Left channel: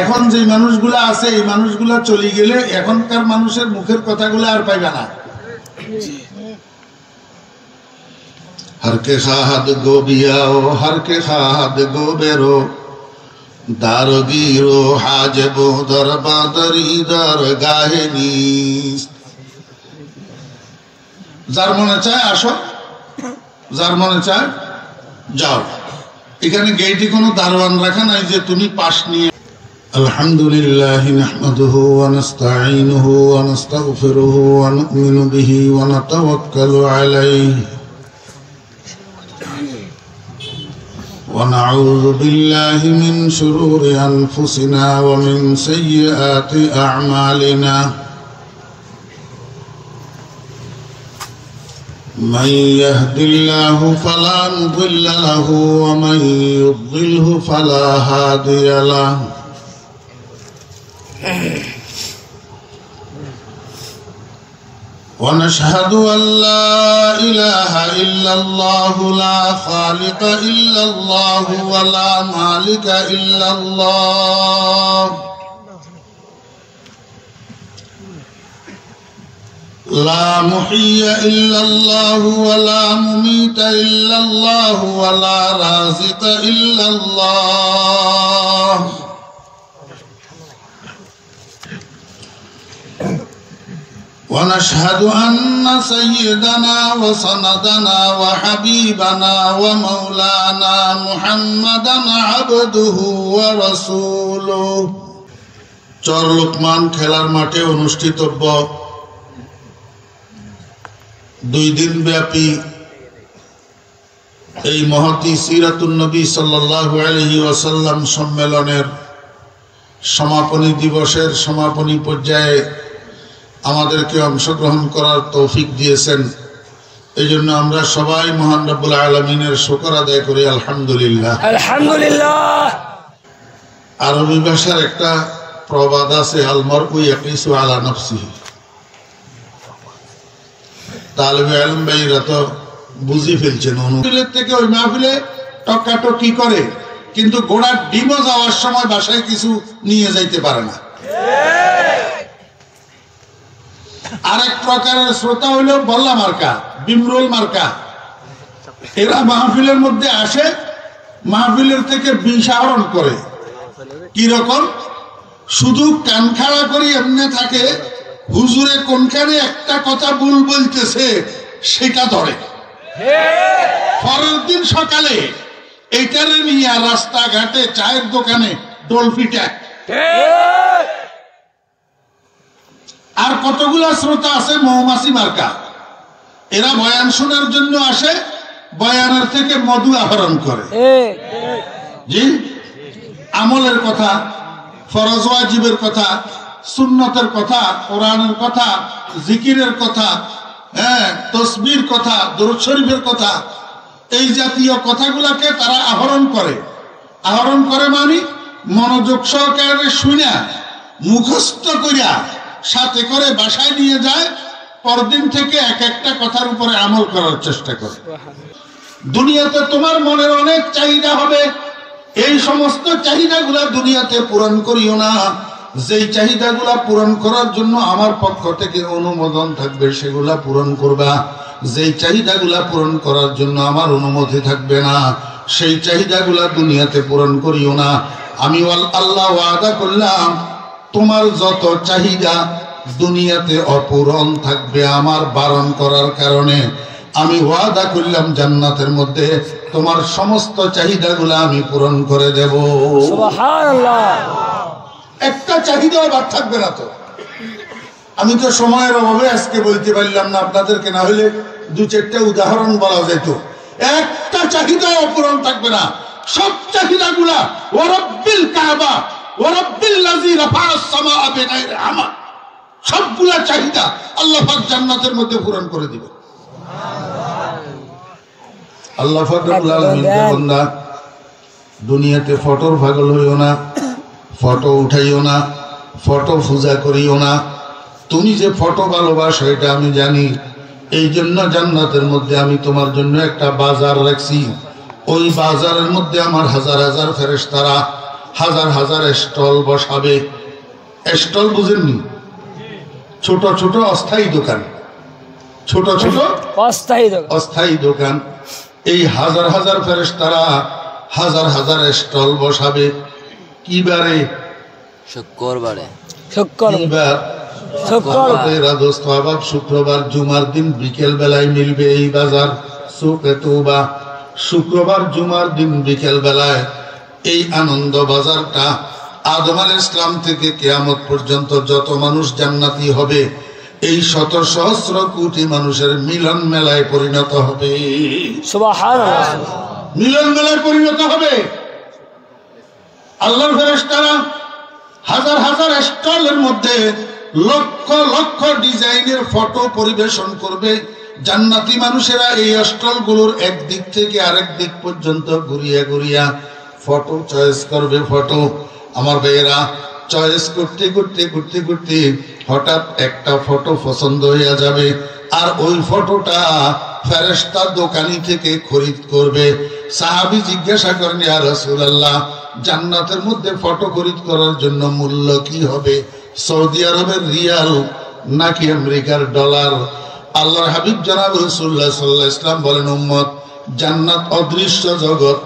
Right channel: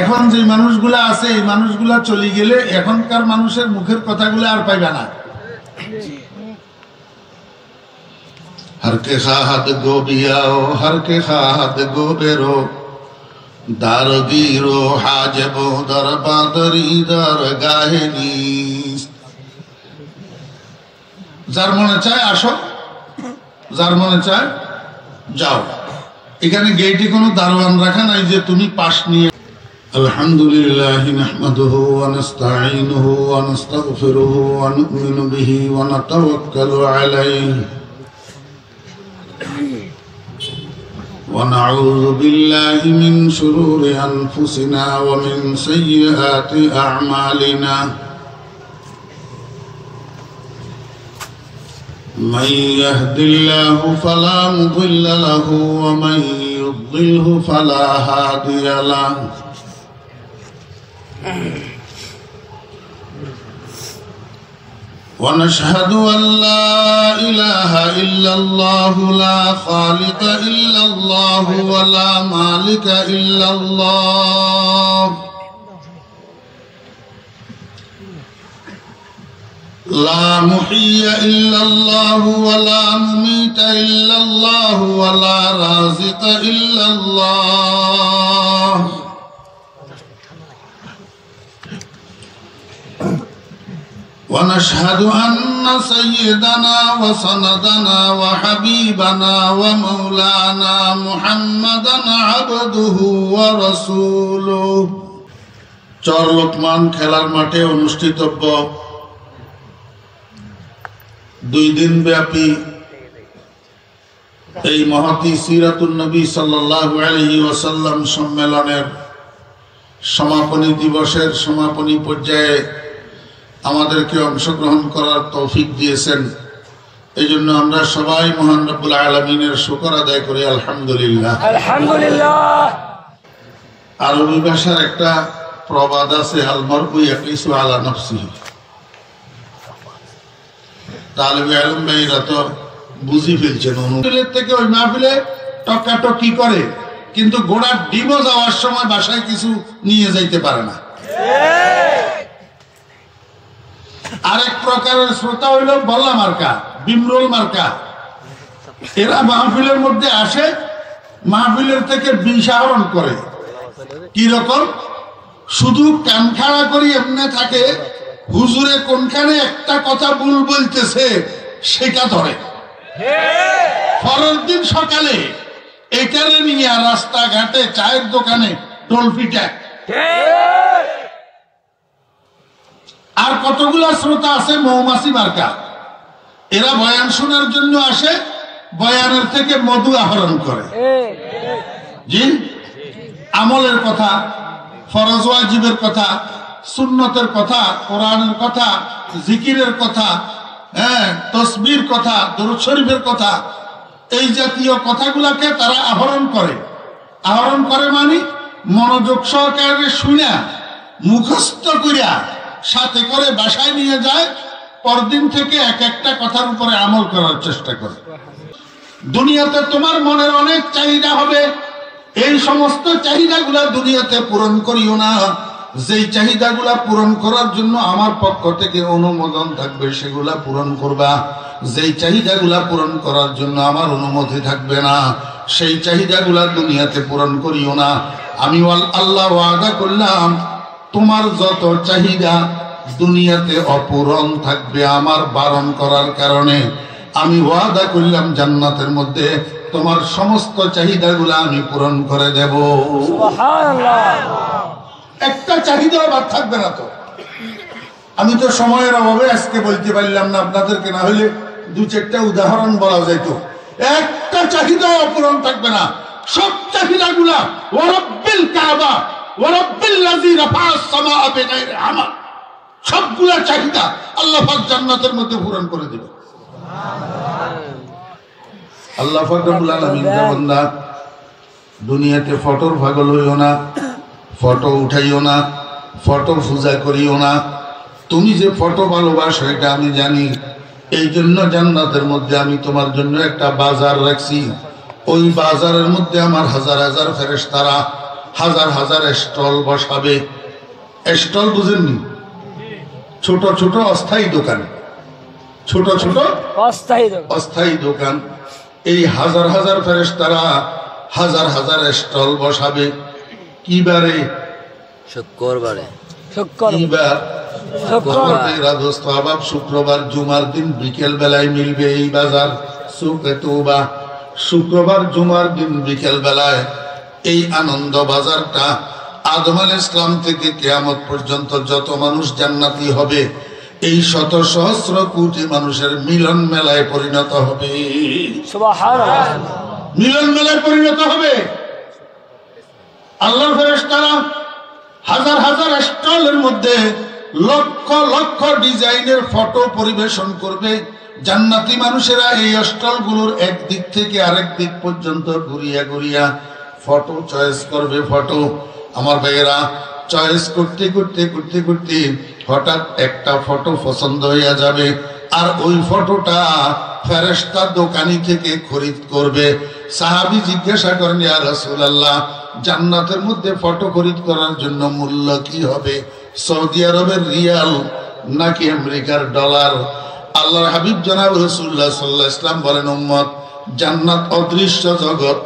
এখন যে মানুষগুলা আছে এই মানুষগুলা চলে গেলে এখনকার মানুষের মুখের কথাগুলো আর পাইবে না। हर के खाद गो बियाओ हर के खाद गो बेरो दारगीरो हाजबो दरबादरी दर गाहेनीस। যার মনে চায় আসো, যার মনে চায় যাও। এখানে গেটে কোনো দারওয়ান রাখা নাই যে তুমি পাশ নিয়ে। আলহামদুলিল্লাহ নাহমাদুহু ওয়া নাস্তাঈনুহু ওয়া নাস্তাগফিরুহু ওয়া নু'মিনু বিহি ওয়া নাতাওয়াক্কালু আলাইহি ونعوذ بالله من شرور أنفسنا ومن سيئات أعمالنا من يهد الله فلا مضل له ومن يضلله فلا هادي له ونشهد أن لا إله إلا الله لا خالق إلا الله ولا مالك إلا الله لا محيي إلا الله ولا مميت إلا الله ولا رازق إلا الله ونشهد أن سيدنا وسندنا وحبيبنا ومولانا محمدا عبده ورسوله চর লোকমান খেলার মাঠে অনুষ্ঠিতব্য 2 দিন ব্যাপী এই মহতী সিরাতুন নবী সাল্লাল্লাহু আলাইহি ওয়াসাল্লাম সম্মেলনের সমাপনী দিবসের সমাপনী পর্যায়ে আমাদেরকে অংশগ্রহণ করার তৌফিক দিয়েছেন। এই জন্য আমরা সবাই মহান রব্বুল আলামিনের শুকর আদায় করি আলহামদুলিল্লাহ। আলহামদুলিল্লাহ। আরবি ভাষার একটা প্রবাদ আছে, আল মারউ ইয়াকিসু আলা নাফসিহি। তালিবে ইলম ভাইরা তো বুঝি ফেলছেন, অনুফিলের থেকে ওই মাহফিলে টকাটকি করে, কিন্তু গোড়ার ডিমও যাওয়ার সময় বাসায় কিছু নিয়ে যাইতে পারে না। আরেক প্রকারের শ্রোতা হইল বল্লা মার্কা, বিমরোল মার্কা। এরা মাহফিলের মধ্যে আসে, মাহফিলের থেকে বিষ আহরণ করে। কি রকম? শুধু কান খাড়া করি এমনি থাকে, হুজুরে কোনখানে একটা কথা ভুল বলতেছে সেটা ধরে। পরের দিন সকালে এটারে নিয়ে রাস্তাঘাটে চায়ের দোকানে ডলফিটা। আর কতগুলা শ্রোতা আছে মৌমাছি মার্কা, এরা বয়ান শোনার জন্য আসে, বয়ানের থেকে মধু আহরণ করে। জি, আমলের কথা, ফরজ ওয়াজিবের কথা, সুন্নতের কথা, কোরআনের কথা, জিকিরের কথা, তসবির কথা, দরুদ শরীফের কথা, এই জাতীয় কথাগুলাকে তারা আহরণ করে। আহরণ করে মানে মনোযোগ সহকারে শুনে মুখস্থ করিয়া সাথে করে বাসায় নিয়ে যায়। পরদিন থেকে এক একটা কথার উপরে আমল করার চেষ্টা করে। দুনিয়াতে তোমার মনের অনেক চাহিদা হবে, এই সমস্ত চাহিদাগুলা দুনিয়াতে পূরণ করিও না। যেই চাহিদাগুলা পূরণ করার জন্য আমার পক্ষ থেকে অনুমোদন থাকবে সেগুলা পূরণ করবা। যেই চাহিদাগুলা পূরণ করার জন্য আমার অনুমতি থাকবে না সেই চাহিদাগুলা দুনিয়াতে পূরণ করিও না। আমি আল্লাহ ওয়াদা করলাম, তোমার যত চাহিদা দুনিয়াতে অপূরণ থাকবে আমার বারণ করার কারণে, আমি ওয়াদা করলাম জান্নাতের মধ্যে তোমার সমস্ত চাহিদাগুলা আমি পূরণ করে দেব। একটা চাহিদাও বাদ থাকবে না। তো আমি তো সময়ের অভাবে আজকে বলতে পারলাম না আপনাদেরকে, না হলে 2-4টা উদাহরণ বলা যেত। একটা চাহিদাও অপূরণ থাকবে না, সব চাহিদাগুলা ওয়া রাব্বিল কাবা ওয়া রাব্বিল লাযী রাফা'আস সামাআ বিগাইরি আমাদ, সবগুলা চাহিদা আল্লাহ পাক জান্নাতের মধ্যে পূরণ করে দিবে। আল্লাহ পাক রব্বুল আলামিন বান্দা, দুনিয়াতে ফটোর পাগল হইও না, ফটো উঠাইও না, ফটো পূজা করিও না। তুমি যে ফটো ভালোবাসো এটা আমি জানি, এই জন্য জান্নাতের মধ্যে আমি তোমার জন্য একটা বাজার রাখছি। ওই বাজারের মধ্যে আমার হাজার হাজার ফেরেশতারা হাজার হাজার স্টল বসাবে। স্টল বুঝেননি? ছোট ছোট অস্থায়ী দোকান, ছোট ছোট অস্থায়ী দোকান। এই হাজার হাজার ফেরেশতারা হাজার হাজার স্টল বসাবে। কি বারে? শুক্রবারে। শুক্রবার জুমার দিন বিকেল বেলায় মিলবে এই বাজার সুকে তওবা। শুক্রবার জুমার দিন বিকেল বেলায় এই আনন্দ বাজারটা আদম আলাইহিস সালাম থেকে কিয়ামত পর্যন্ত যত মানুষ জান্নাতি হবে এই শত সহস্র কোটি মানুষের মিলন মেলায় পরিণত হবে। সুবহানাল্লাহ। মিলন মেলায় পরিণত হবে। আল্লাহর ফেরেশতারা হাজার হাজার স্টলের মধ্যে লক্ষ লক্ষ ডিজাইনের ফটো পরিবেশন করবে। জান্নাতি মানুষেরা এই স্টলগুলোর এক দিক থেকে আরেক দিক পর্যন্ত ঘুরিয়া ঘুরিয়া ফটো চয়েস করবে। ফটো আমার ভাইয়েরা চয়েস করতে করতে করতে করতে হঠাৎ একটা ফটো পছন্দ হইয়া যাবে, আর ওই ফটোটা ফেরেশতা দোকানি থেকে খরিদ করবে। সাহাবী জিজ্ঞাসা করেন, ইয়া রাসূলুল্লাহ, জান্নাতের মধ্যে ফটো খরিদ করার জন্য মূল্য কি হবে? সৌদি আরবের রিয়াল নাকি আমেরিকার ডলার? আল্লাহর হাবিব জনাব রাসূলুল্লাহ সাল্লাল্লাহু আলাইহি ওয়াসাল্লাম বলেন, উম্মত, জান্নাত অদৃশ্য জগৎ,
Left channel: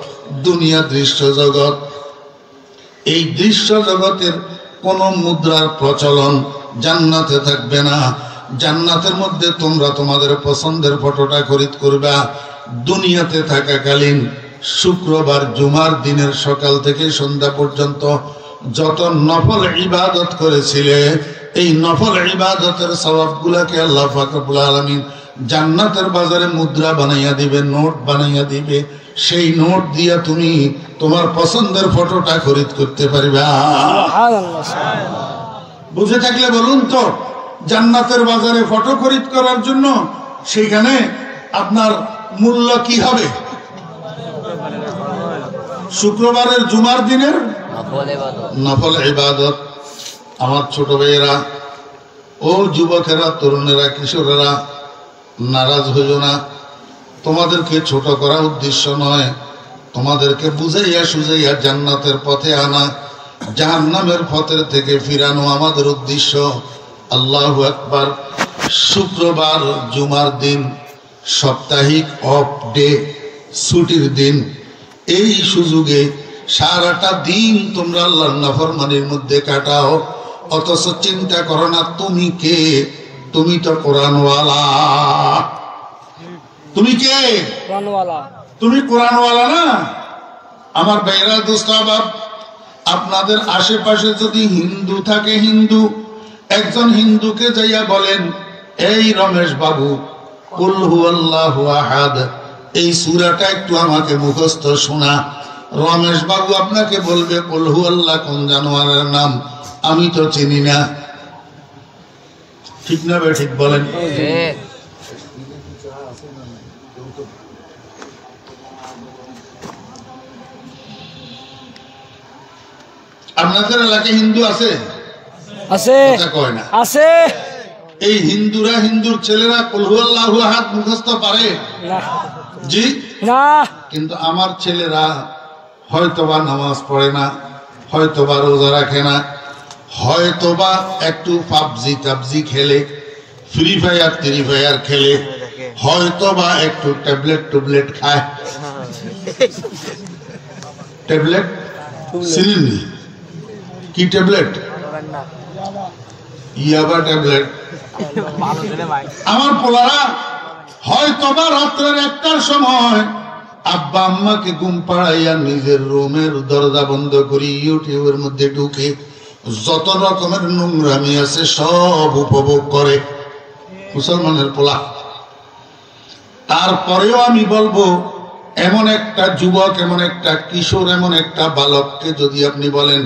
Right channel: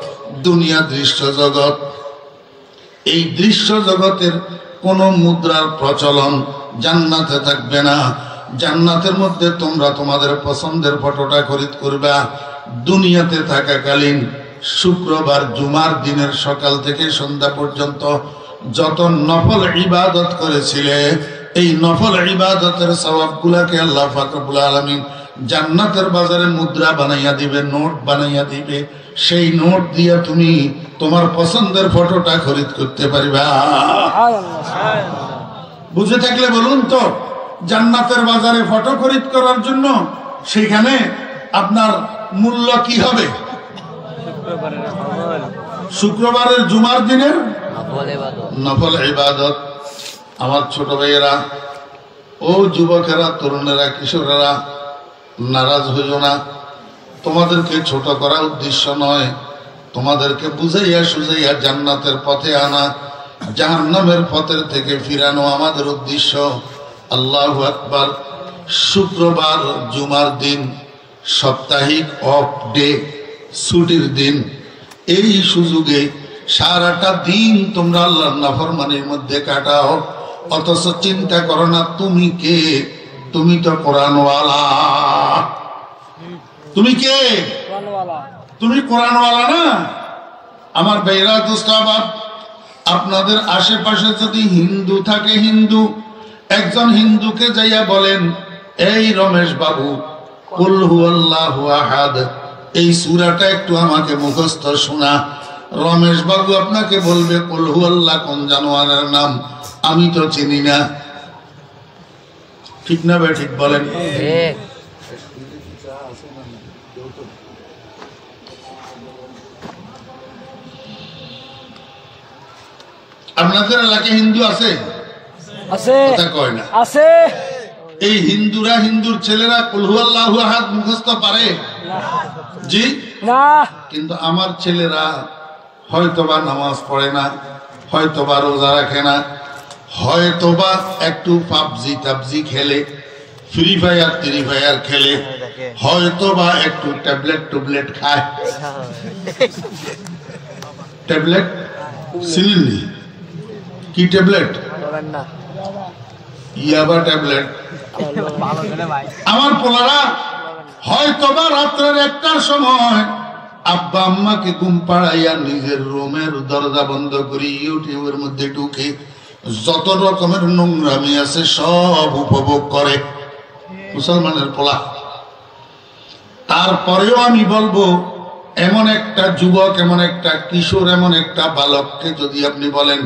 দুনিয়া দৃশ্য জগৎ। এই দৃশ্য জগতের কোন মুদ্রার প্রচলন জান্নাতে থাকবে না। জান্নাতের মধ্যে তোমরা তোমাদের পছন্দের ফটোটা খরিদ করবা। দুনিয়াতে থাকাকালীন শুক্রবার জুমার দিনের সকাল থেকে সন্ধ্যা পর্যন্ত যত নফল ইবাদত করেছিলে এই নফল ইবাদতের সওয়াবগুলোকে আল্লাহ পাক রব্বুল আলামিন জান্নাতের বাজারে মুদ্রা বানাইয়া দিবে, নোট বানাইয়া দিবে। সেই নোট দিয়া তুমি তোমার পছন্দের ফটোটা খরিদ করতে পারবা। বুঝে থাকলে বলুন তো, জান্নাতের বাজারে ফটো খরিদ করার জন্য সেখানে আপনার মূল্য কি হবে? শুক্রবারের জুমার দিনের নফল ইবাদত। আমার ছোট ভাইয়েরা, ও যুবকেরা, তরুণেরা, কিশোরেরা, নারাজ হইও না। তোমাদেরকে ছোট করা উদ্দেশ্য নয়, তোমাদেরকে বুঝাইয়া সুঝাইয়া জান্নাতের পথে আনা, জাহান্নামের পথের থেকে ফিরানো আমাদের উদ্দেশ্য। আল্লাহু আকবার। শুক্রবার জুমার দিন সাপ্তাহিক অফ ডে, ছুটির দিন। এই সুযোগে সারাটা দিন তোমরা আল্লাহর নাফরমানির মধ্যে কাটাও, অথচ চিন্তা করো না তুমি কে। তুমি তো কোরআনওয়ালা। তুমি কে? তুমি কোরআনওয়ালা না? আমার ভাইরা, দোস্তাবাব, আপনাদের আশেপাশে যদি হিন্দু থাকে, হিন্দু, একজন হিন্দুকে যাইয়া বলেন, এই রমেশ বাবু, কুল হুয়াল্লাহু আহাদ, এই সূরাটা একটু আমাকে মুখস্থ শোনা। রমেশ বাবু আপনাকে বলবে, কুল হুয়াল্লাহ কোন জানোয়ারের নাম? আমি তো চিনি না। ঠিক না বে ঠিক বলেন? আপনাদের এলাকায় হিন্দু আছে? আছে, কথা কয় না। আছে। এই হিন্দুরা, হিন্দুর ছেলেরা কুল হুয়াল্লাহু আহাদ মুখস্থ পারে? জি না। কিন্তু আমার ছেলেরা হয়তোবা নামাজ পড়ে না, হয়তোবা রোজা রাখে না, হয়তোবা একটু পাবজি টাবজি খেলে, ফ্রি ফায়ার খেলে, হয়তোবা একটু ট্যাবলেট খায়। ট্যাবলেট চিনেননি? কি ট্যাবলেট? ইয়াবা ট্যাবলেট। আমার পোলারা হয়তোবা রাত্রের 1টার সময় আব্বা আম্মাকে ঘুম পাড়াইয়া নিজের রুমের দরজা বন্ধ করি ইউটিউবের মধ্যে ঢুকে যত রকমের নোংরামি আছে সব উপভোগ করে মুসলমানের পোলা। তারপরেও আমি বলবো, এমন একটা যুবক, এমন একটা কিশোর, এমন একটা বালককে যদি আপনি বলেন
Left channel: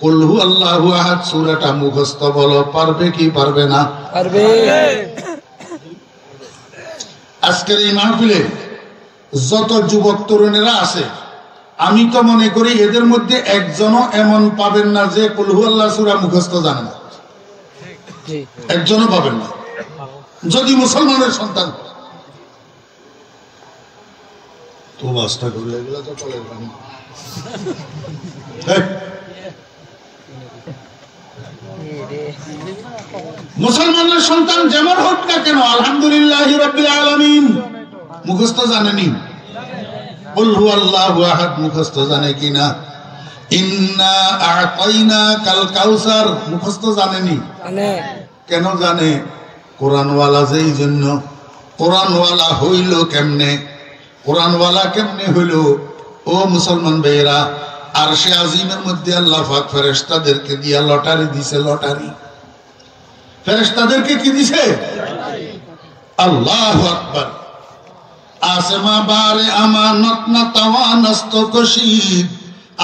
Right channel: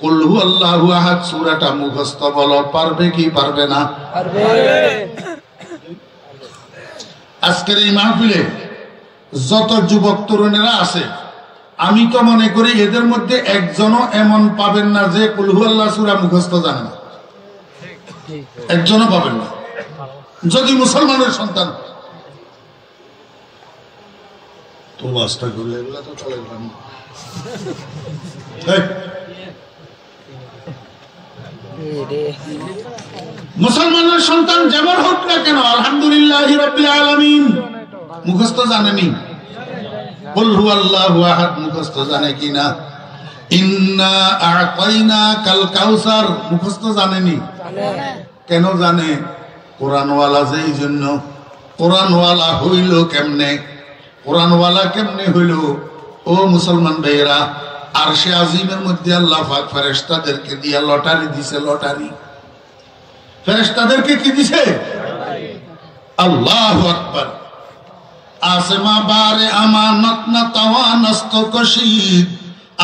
কুল হুয়াল্লাহু আহাদ সূরাটা মুখস্থ বলো, পারবে কি পারবে না? পারবে। আজকের এই মাহফিলে যত যুবক তরুণেরা আছে, আমি তো মনে করি এদের মধ্যে একজনও এমন পাবেন না যে কুল হুয়াল্লাহ সূরা মুখস্থ জানে না। একজনও পাবেন না, যদি মুসলমানের সন্তান। তো ও বাসটা করলে এগুলা তো চলে পানি। মুসলমানের সন্তান যেমন হোক না কেন আলহামদুলিল্লাহ রাব্বিল আলামিন মুখস্থ জানেনি? কুল হুয়াল্লাহু আহাদ মুখস্থ জানে কিনা? ইন্না আ'তাইনাকাল কাউসার মুখস্থ জানেনি? কেন জানে? কোরআনওয়ালা যেই জন্য। কোরআনওয়ালা হইল কেমনে? কোরআনওয়ালা কেমনে হইল? ও মুসলমান ভাইয়েরা, আরশে আজিমের মধ্যে আল্লাহ পাক ফেরেশতাদেরকে দিয়া লটারি দিছে। লটারি ফেরেশতাদেরকে কি দিছে? আল্লাহু আকবার। आसमा बारे अमानत न तवानस्तो कशीद,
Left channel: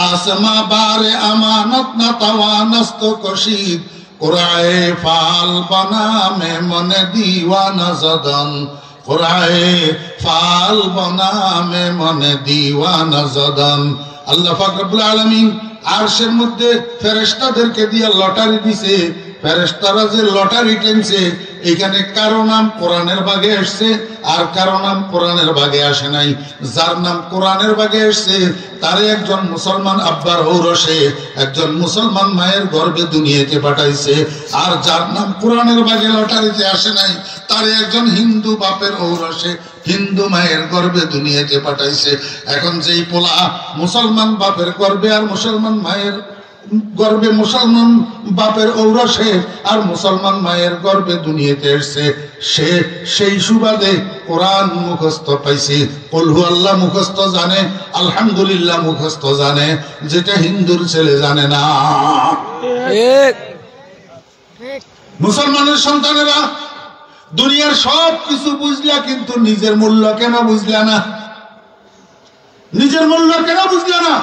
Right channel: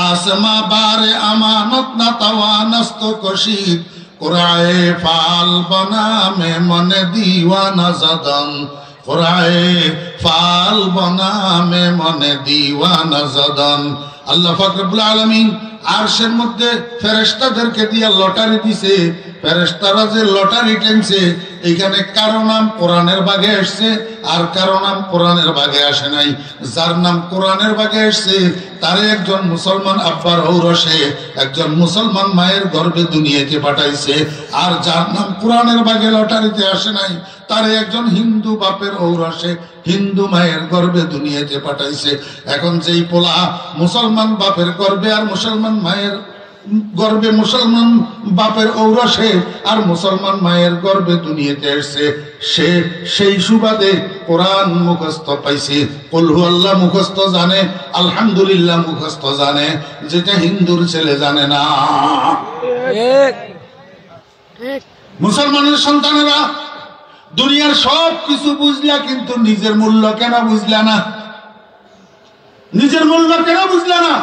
आसमा बारे अमानत न तवानस्तो कशीद, कुराए फाल बना में मन दीवाना जदन, कुराए फाल बना में मन दीवाना जदन। अल्लाह पाक रब्बुल आलामीन আরশের মধ্যে ফেরেশতাদেরকে দিয়ে লটারি দিছে। ফেরেশতারা যে লটারি টেনছে, এখানে কারো নাম কোরআনের ভাগে আসছে আর কারো নাম কোরআনের ভাগে আসে নাই। যার নাম কোরআনের ভাগে আসছে তারে একজন মুসলমান আব্বার ঔরসে একজন মুসলমান মায়ের গর্ভে দুনিয়াতে পাঠাইছে, আর যার নাম কোরআনের ভাগে লটারিতে আসে নাই তারে একজন হিন্দু বাপের ঔরসে হিন্দু মায়ের গর্ভে দুনিয়াতে পাঠাইছে। এখন যেই পোলা মুসলমান বাপের গর্ভে আর মুসলমান মায়ের গর্ভে মুসলমান বাপের ঔরসে আর মুসলমান মায়ের গর্ভে দুনিয়াতে এসেছে, সে সেই সুবাদে কোরআন মুখস্থ পাইছে। কুল হুয়াল্লাহ মুখস্থ জানে, আলহামদুলিল্লাহ মুখস্থ জানে, যেটা হিন্দুর ছেলে জানে না। মুসলমানের সন্তানেরা দুনিয়ার সব কিছু বুঝলা, কিন্তু নিজের মূল্য কেন বুঝলা না? নিজের মূল্য কেন বুঝলা না?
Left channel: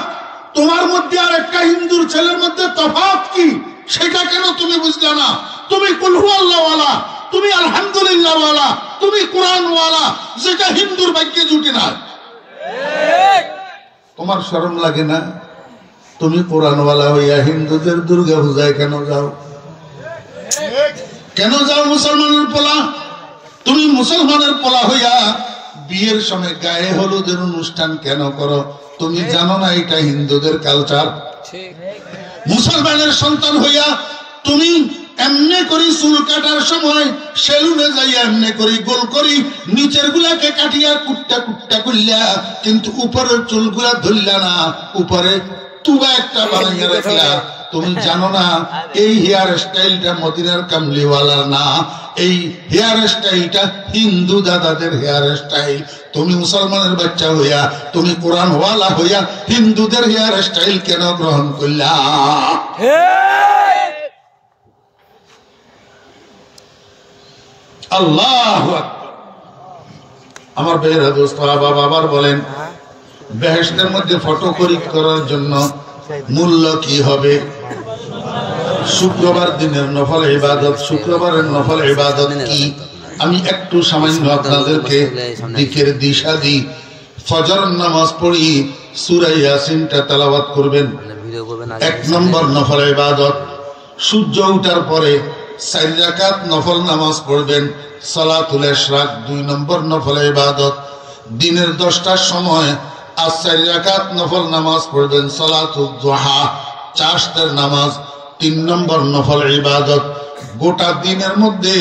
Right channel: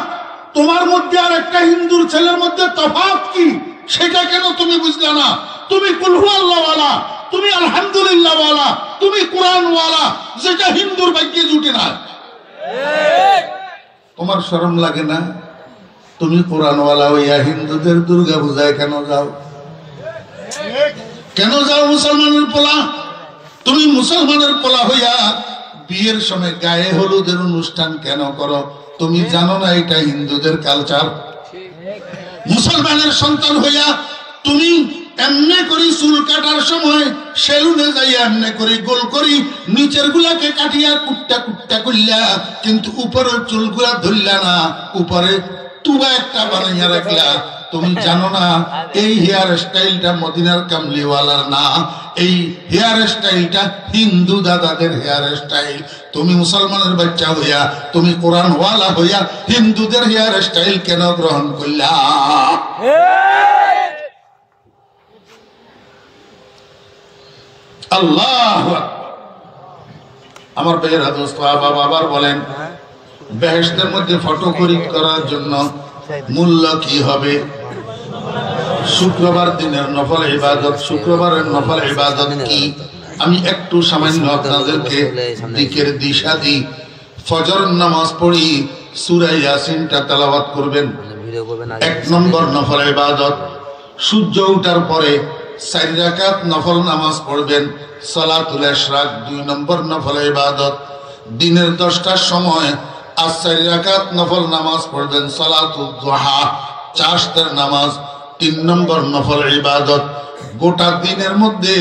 তোমার মধ্যে আর একটা হিন্দুর ছেলের মধ্যে তফাৎ কি, সেটা কেন তুমি বুঝলা না? তুমি কুল হুয়াল্লাহ ওয়ালা, তুমি আলহামদুলিল্লাহ ওয়ালা, তুমি কোরআন ওয়ালা, যেটা হিন্দুর ভাগ্যে জুটে না। তোমার শরম লাগে না? তুমি কোরআন ওয়ালা হইয়া হিন্দুদের দুর্গা পূজায় কেন যাও? কেন যাও মুসলমানের পোলা? তুমি মুসলমানের পোলা হইয়া বিয়ের সময় গায়ে হলুদের অনুষ্ঠান কেন করো? তুমি জানো না এটা হিন্দুদের কালচার? মুসলমানের সন্তান হইয়া তুমি এমনি করি চুল কাটার সময় সেলুনে যাইয়া এমনি করি গোল করি নিচের গুলাকে কাটিয়া কুট্টা কুট্টা করলা, কিন্তু উপরের চুলগুলা ধরলা না, উপরে তুবা একটা বানাইয়া রাখলা। তুমি জানো না এই হেয়ার স্টাইলটা মদিনার কামলিওয়ালার না, এই হেয়ার স্টাইলটা হিন্দু দাদাদের হেয়ার স্টাইল। তুমি মুসলমানের বাচ্চা হইয়া, তুমি কোরআন ওয়ালা হইয়া হিন্দুদের হেয়ার স্টাইল কেন গ্রহণ করলা? আল্লাহু আকবার। আমার ভাইয়েরা, দোস্ত, বাবার বলেন, বেহেশতের মধ্যে ফটো খরিদ করার জন্য মূল্য কি হবে? শুক্রবার দিনের নফল ইবাদত। শুক্রবারের নফল ইবাদত কি? আমি একটু সামান্য আপনাদেরকে দিকের দিশা দিই। ফজর নামাজ পড়ি, সূরা ইয়াসিনটা তেলাওয়াত করবেন। 1 নম্বর নফল ইবাদত। সূর্য ওঠার পরে 4 রাকাত নফল নামাজ পড়বেন, সালাতুল ইশরাক 2 নম্বর নফল ইবাদত। দিনের 10টার সময় 4 রাকাত নফল নামাজ পড়বেন, সালাতুল দুহা চাশতের নামাজ 3 নম্বর নফল ইবাদত। গোটা দিনের মধ্যে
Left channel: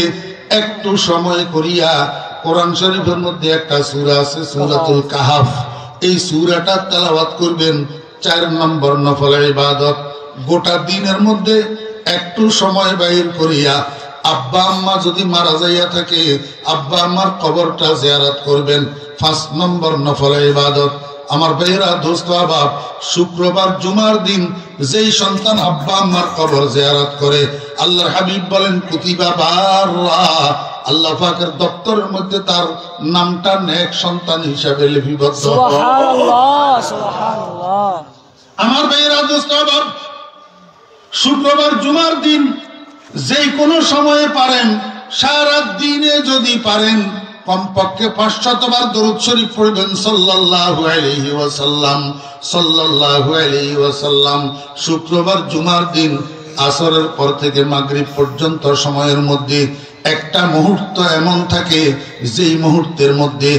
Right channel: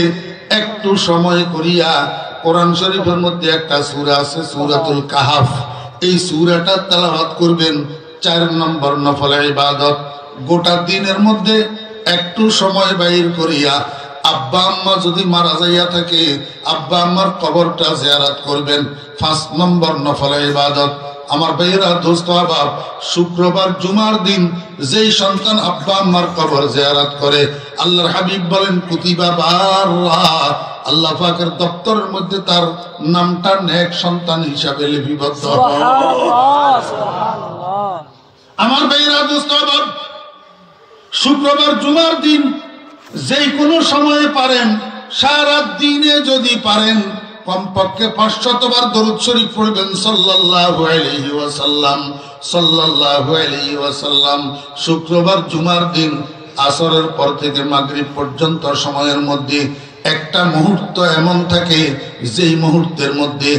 একটু সময় করিয়া কোরআন শরীফের মধ্যে একটা সূরা আছে সূরাতুল কাহাফ, এই সূরাটা তেলাওয়াত করবেন, 4 নম্বর নফল ইবাদত। গোটা দিনের মধ্যে একটু সময় বাইর করিয়া আব্বা আম্মা যদি মারা যাইয়া থাকে আব্বা আম্মার কবরটা জিয়ারত করবেন, 5 নম্বর নফল ইবাদত। আমার ভাইয়েরা, দোস্ত আহবাব, শুক্রবার জুমার দিন যেই সন্তান আব্বা আম্মার কবর জিয়ারত করে, আল্লাহর হাবিব বলেন কুতিবা বাররা, আল্লাহ পাকের দপ্তরের মধ্যে তার নামটা নেক সন্তান হিসাবে লিপিবদ্ধ হয়। আমার ভাইয়েরা, দোস্ত আহবাব, শুক্রবার জুমার দিন যেই কোনো সময়ে পারেন, সারা দিনে যদি পারেন, কমপক্ষে 500 বার দরুদ শরীফ পড়বেন সাল্লাল্লাহু আলাইহি ওয়াসাল্লাম, সাল্লাল্লাহু আলাইহি ওয়াসাল্লাম। শুক্রবার জুমার দিন আসরের পর থেকে মাগরিব পর্যন্ত সময়ের মধ্যে একটা মুহূর্ত এমন থাকে যেই মুহূর্তের মধ্যে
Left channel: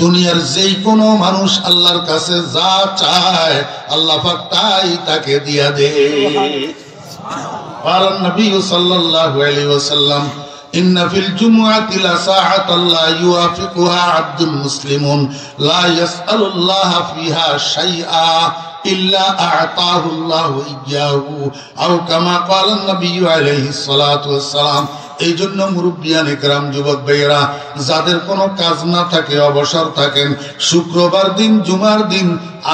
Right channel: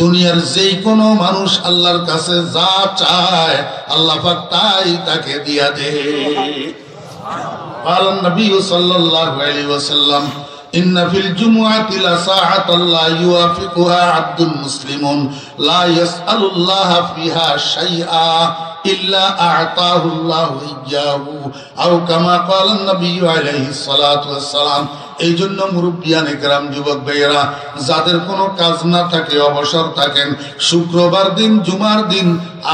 দুনিয়ার যেই কোনো মানুষ আল্লাহর কাছে যা চায় আল্লাহ পাক তাই তাকে দিয়া দেয়। আর নবী সাল্লাল্লাহু আলাইহি ওয়াসাল্লাম ইন্না ফিল জুমআতি লাসাআতান লা ইউআফিকুহা আবদুল মুসলিমুন লা ইয়াসআলুল্লাহা ফিহা শাইআ ইল্লা আ'তাহু আল্লাহু ইয়্যাহু আও কামা ক্বালা নবী আলাইহিস সালাতু ওয়াস সালাম। এই জন্য মুরব্বিয়ান ইকরাম, যুবক ভাইয়েরা, যাদের কোনো কাজ না থাকে, অবসর থাকেন, শুক্রবার দিন, জুমার দিন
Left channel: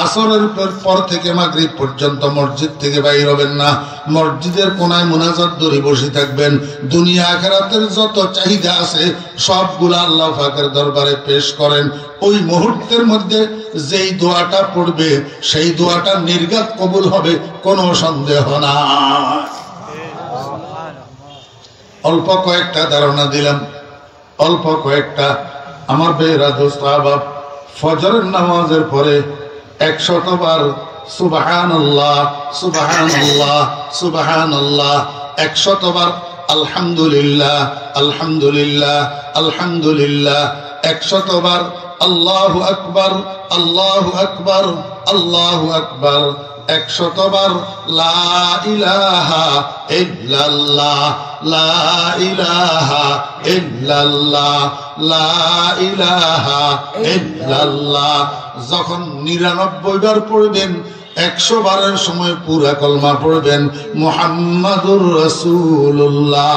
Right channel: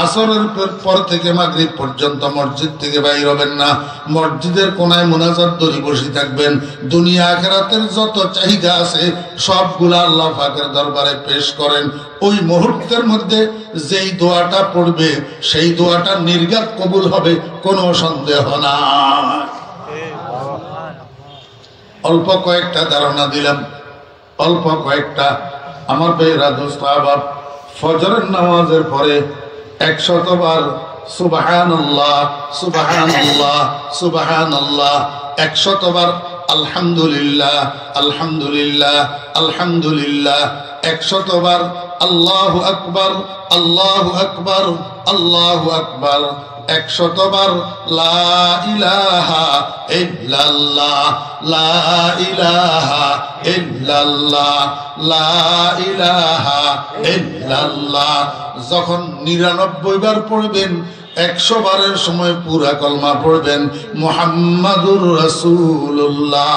আসরের পর থেকে মাগরিব পর্যন্ত মসজিদ থেকে বাইর হবেন না। মসজিদের কোনায় মুনাজাত ধরে বসে থাকবেন। দুনিয়া আখিরাতের যত চাহিদা আছে সবগুলা আল্লাহ পাকের দরবারে পেশ করেন। ওই মুহূর্তের মধ্যে যেই দোয়াটা পড়বে সেই দোয়াটা নির্ঘাত কবুল হবে, কোনো সন্দেহ না। অল্প কয়েকটা ধারণা দিলাম, অল্প কয়েকটা। আমার ভাইয়েরা, দোস্ত আহবাব, ফজরের নামাজের পরে 100 বার সুবহানাল্লাহ সুবহানাল্লাহ সুবহানাল্লাহ, 100 বার আলহামদুলিল্লাহ আলহামদুলিল্লাহ আলহামদুলিল্লাহ, 100 বার আল্লাহু আকবার আল্লাহু আকবার আল্লাহু আকবার, 100 বার লা ইলাহা ইল্লাল্লাহ লা ইলাহা ইল্লাল্লাহ লা ইলাহা ইল্লাল্লাহ। যখন 99 বার পড়বেন, 100 বারের সময় পুরা কলমা পড়বেন মুহাম্মাদুর রাসূলুল্লাহ।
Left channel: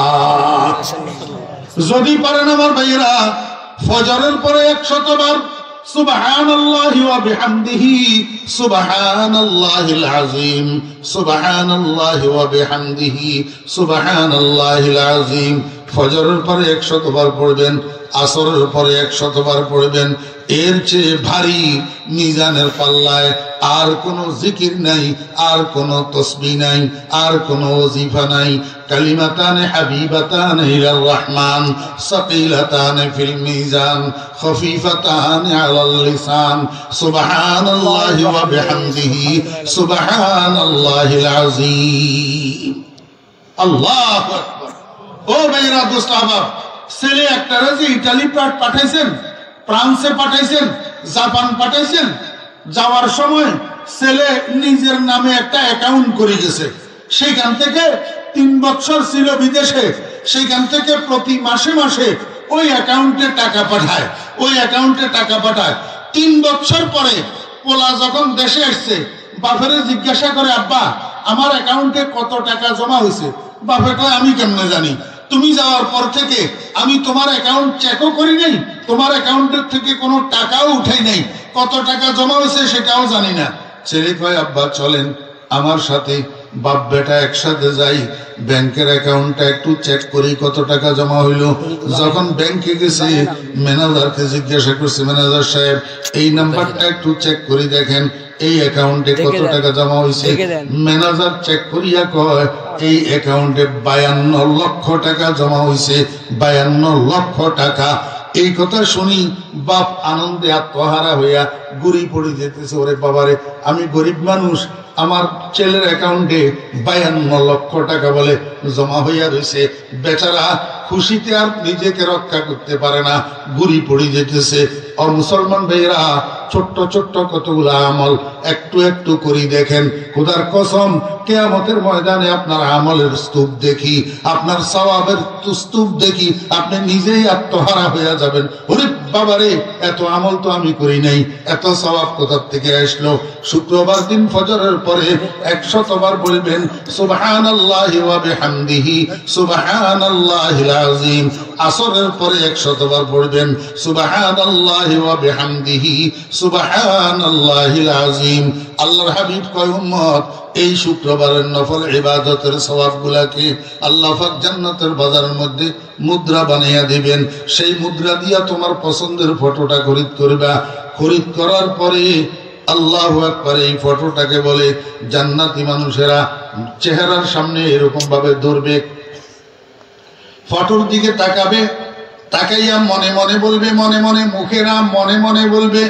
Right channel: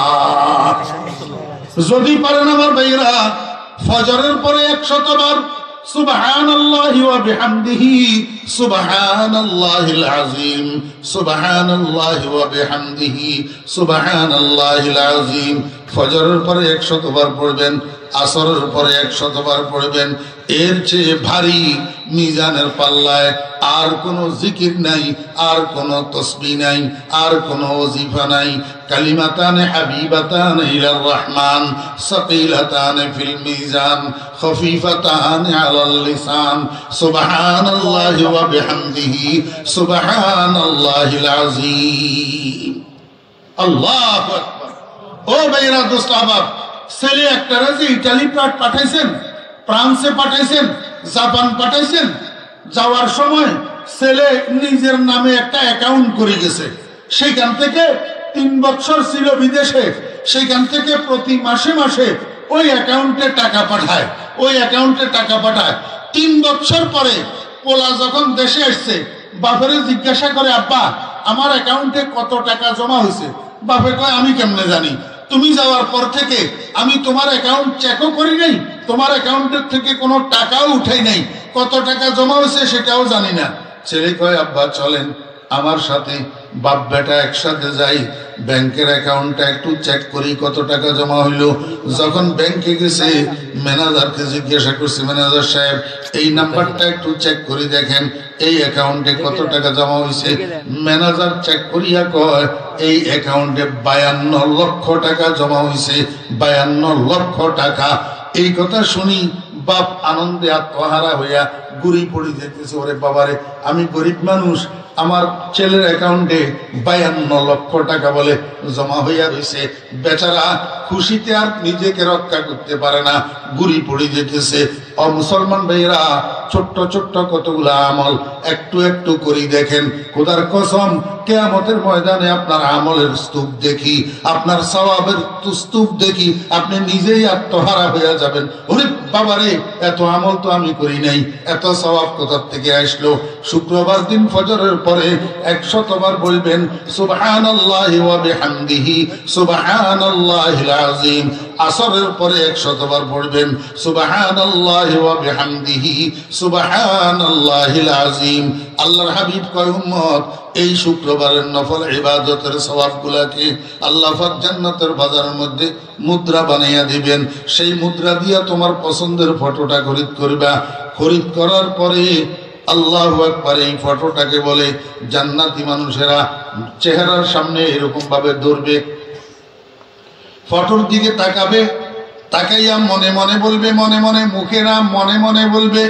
যদি পারেন আমার ভাইয়েরা, ফজরের পরে 100 বার সুবহানাল্লাহি ওয়া বিহামদিহি সুবহানাল্লাহিল আযীম সুবহানাল্লাহি ওয়া বিহামদিহি সুবহানাল্লাহিল আযীম। ফজরের পরে 100 বার পড়বেন, আসরের পরে 100 বার পড়বেন। এর চেয়ে ভারী মিজানের পাল্লায় আর কোনো জিকির নাই, আর কোনো তসবিহ নাই, আর কোনো ওজিফা নাই। কালিমাতানে হাবিবাতানে ইলার রহমান সাকিলাতানে ফিল মিজান খফিফাতানে আলাল লিসান সুবহানাল্লাহি ওয়া বিহামদিহি সুবহানাল্লাহিল আযীম। আল্লাহু আকবার। ও ভাইরা, দোস্ত আহবাব, ছেলে একটা রাজি ইতালি পাঠাইছেন, ফ্রান্সে পাঠাইছেন, জাপান পাঠাইছেন। যাওয়ার সময় ছেলে নিজের নামে একটা অ্যাকাউন্ট করে গেছে। সেখান থেকে 3 বছর ছিল বিদেশে, সেখান থেকে প্রতি মাসে মাসে ওই অ্যাকাউন্টে টাকা পাঠায়, ওই অ্যাকাউন্টে টাকা পাঠায়। 3 বছর পরে পোলা যখন দেশে আসছে, বাপের জিজ্ঞাসা করে, আব্বা আমার অ্যাকাউন্টে কত টাকা জমা হয়েছে? বাপে কয়, আমি কেমনে জানি? তুমি যাওয়ার পর থেকে আমি তোমার অ্যাকাউন্ট চেকও করি নাই, তোমার অ্যাকাউন্টের থেকে কোনো টাকাও উঠাই নাই, কত টাকা জমা হয়েছে সেটাও জানি না। ছেলে কয়, আব্বা চলেন আমার সাথে, বাপ বেটা একসাথে যাই, ব্যাংকের অ্যাকাউন্টটা একটু চেক করি কত টাকা জমা হইলো। যখন ব্যাংকে গেছে, ম্যানেজারকে জিজ্ঞাসা করছে, ম্যানেজার সাহেব এই নাম্বারটা একটু চেক করি দেখেন এই অ্যাকাউন্টে কত টাকা জমা হয়েছে। ম্যানেজার চেক করিয়া কয়, এই অ্যাকাউন্টে 52 লক্ষ টাকা জমা হয়েছে, 52 লক্ষ টাকা। এই কথা শুনি বাপ আনন্দে আত্মহারা হইয়া গুড়ি পড়ে যেতেছে, ওরে বাবারে আমি গরিব মানুষ, আমার ছেলের অ্যাকাউন্টে 52 লক্ষ টাকা বলে জমা হইয়া রয়েছে। বেচারা খুশিতে আর নিজেকে রক্ষা করতে পারে না, গুড়ি পড়ে যেতেছে। ও মুসলমান ভাইরা, ছোট্ট ছোট্ট কতগুলা আমল একটু একটু করে দেখেন। খোদার কসম, কিয়ামতের ময়দানে আপনার আমলের স্তূপ দেখি, আপনার সওয়াবের স্তূপ দেখি, আপনি নিজেই আত্মহারা হইয়া যাবেন। ওরে বাবারে, এত আমল তো আমি করি নাই, এত সওয়াব কোথা থেকে আসলো? শুক্রবার দিন ফজরের পরে 100 বার বলবেন সুবহানাল্লাহি ওয়া বিহামদিহি সুবহানাল্লাহিল আযীম। আসরের পরে 100 বার পড়বেন সুবহানাল্লাহি ওয়া বিহামদিহি সুবহানাল্লাহিল আযীম। আল্লাহর হাবিব কয়, উম্মত এই শুক্রবারের নফল ইবাদতের সওয়াবগুলাকে আল্লাহ পাক জান্নাতের বাজারের মধ্যে মুদ্রা বানাইয়া দিবেন। সেই মুদ্রা দিয়া তোমার পছন্দের ফটোটা খরিদ করবা। খরিদ করার পরে আল্লাহু আকবার, এই ফটোটাকে বলে জান্নাতি মানুষেরা চেহারার সামনে এরকম ভাবে ধরবে, ফটোর দিকে তাকাবে, তাকাইয়া মনে মনে বলবে, মনে মনে, মুখে না, মনে মনে বলবে,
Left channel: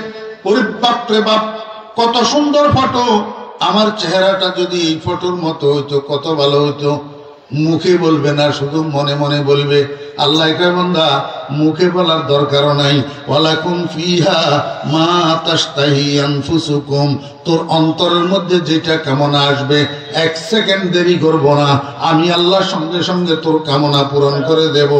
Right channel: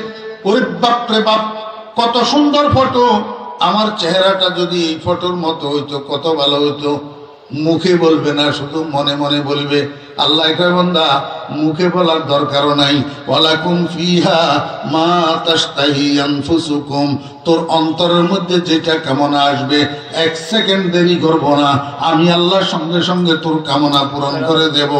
ওরে বাপ রে বাপ, কত সুন্দর ফটো, আমার চেহারাটা যদি এই ফটোর মতো হইতো কত ভালো হইতো। মুখে বলবে না, শুধু মনে মনে বলবে। আল্লাহ কয় বান্দা মুখে বলার দরকারও নাই, ওয়ালাকুম ফিহা মা তাশতাহি আনফুসুকুম, তোর অন্তরের মধ্যে যেটা কামনা আসবে 1 সেকেন্ড দেরি করব না, আমি আল্লাহ সঙ্গে সঙ্গে তোর কামনা পূরণ করে দেব।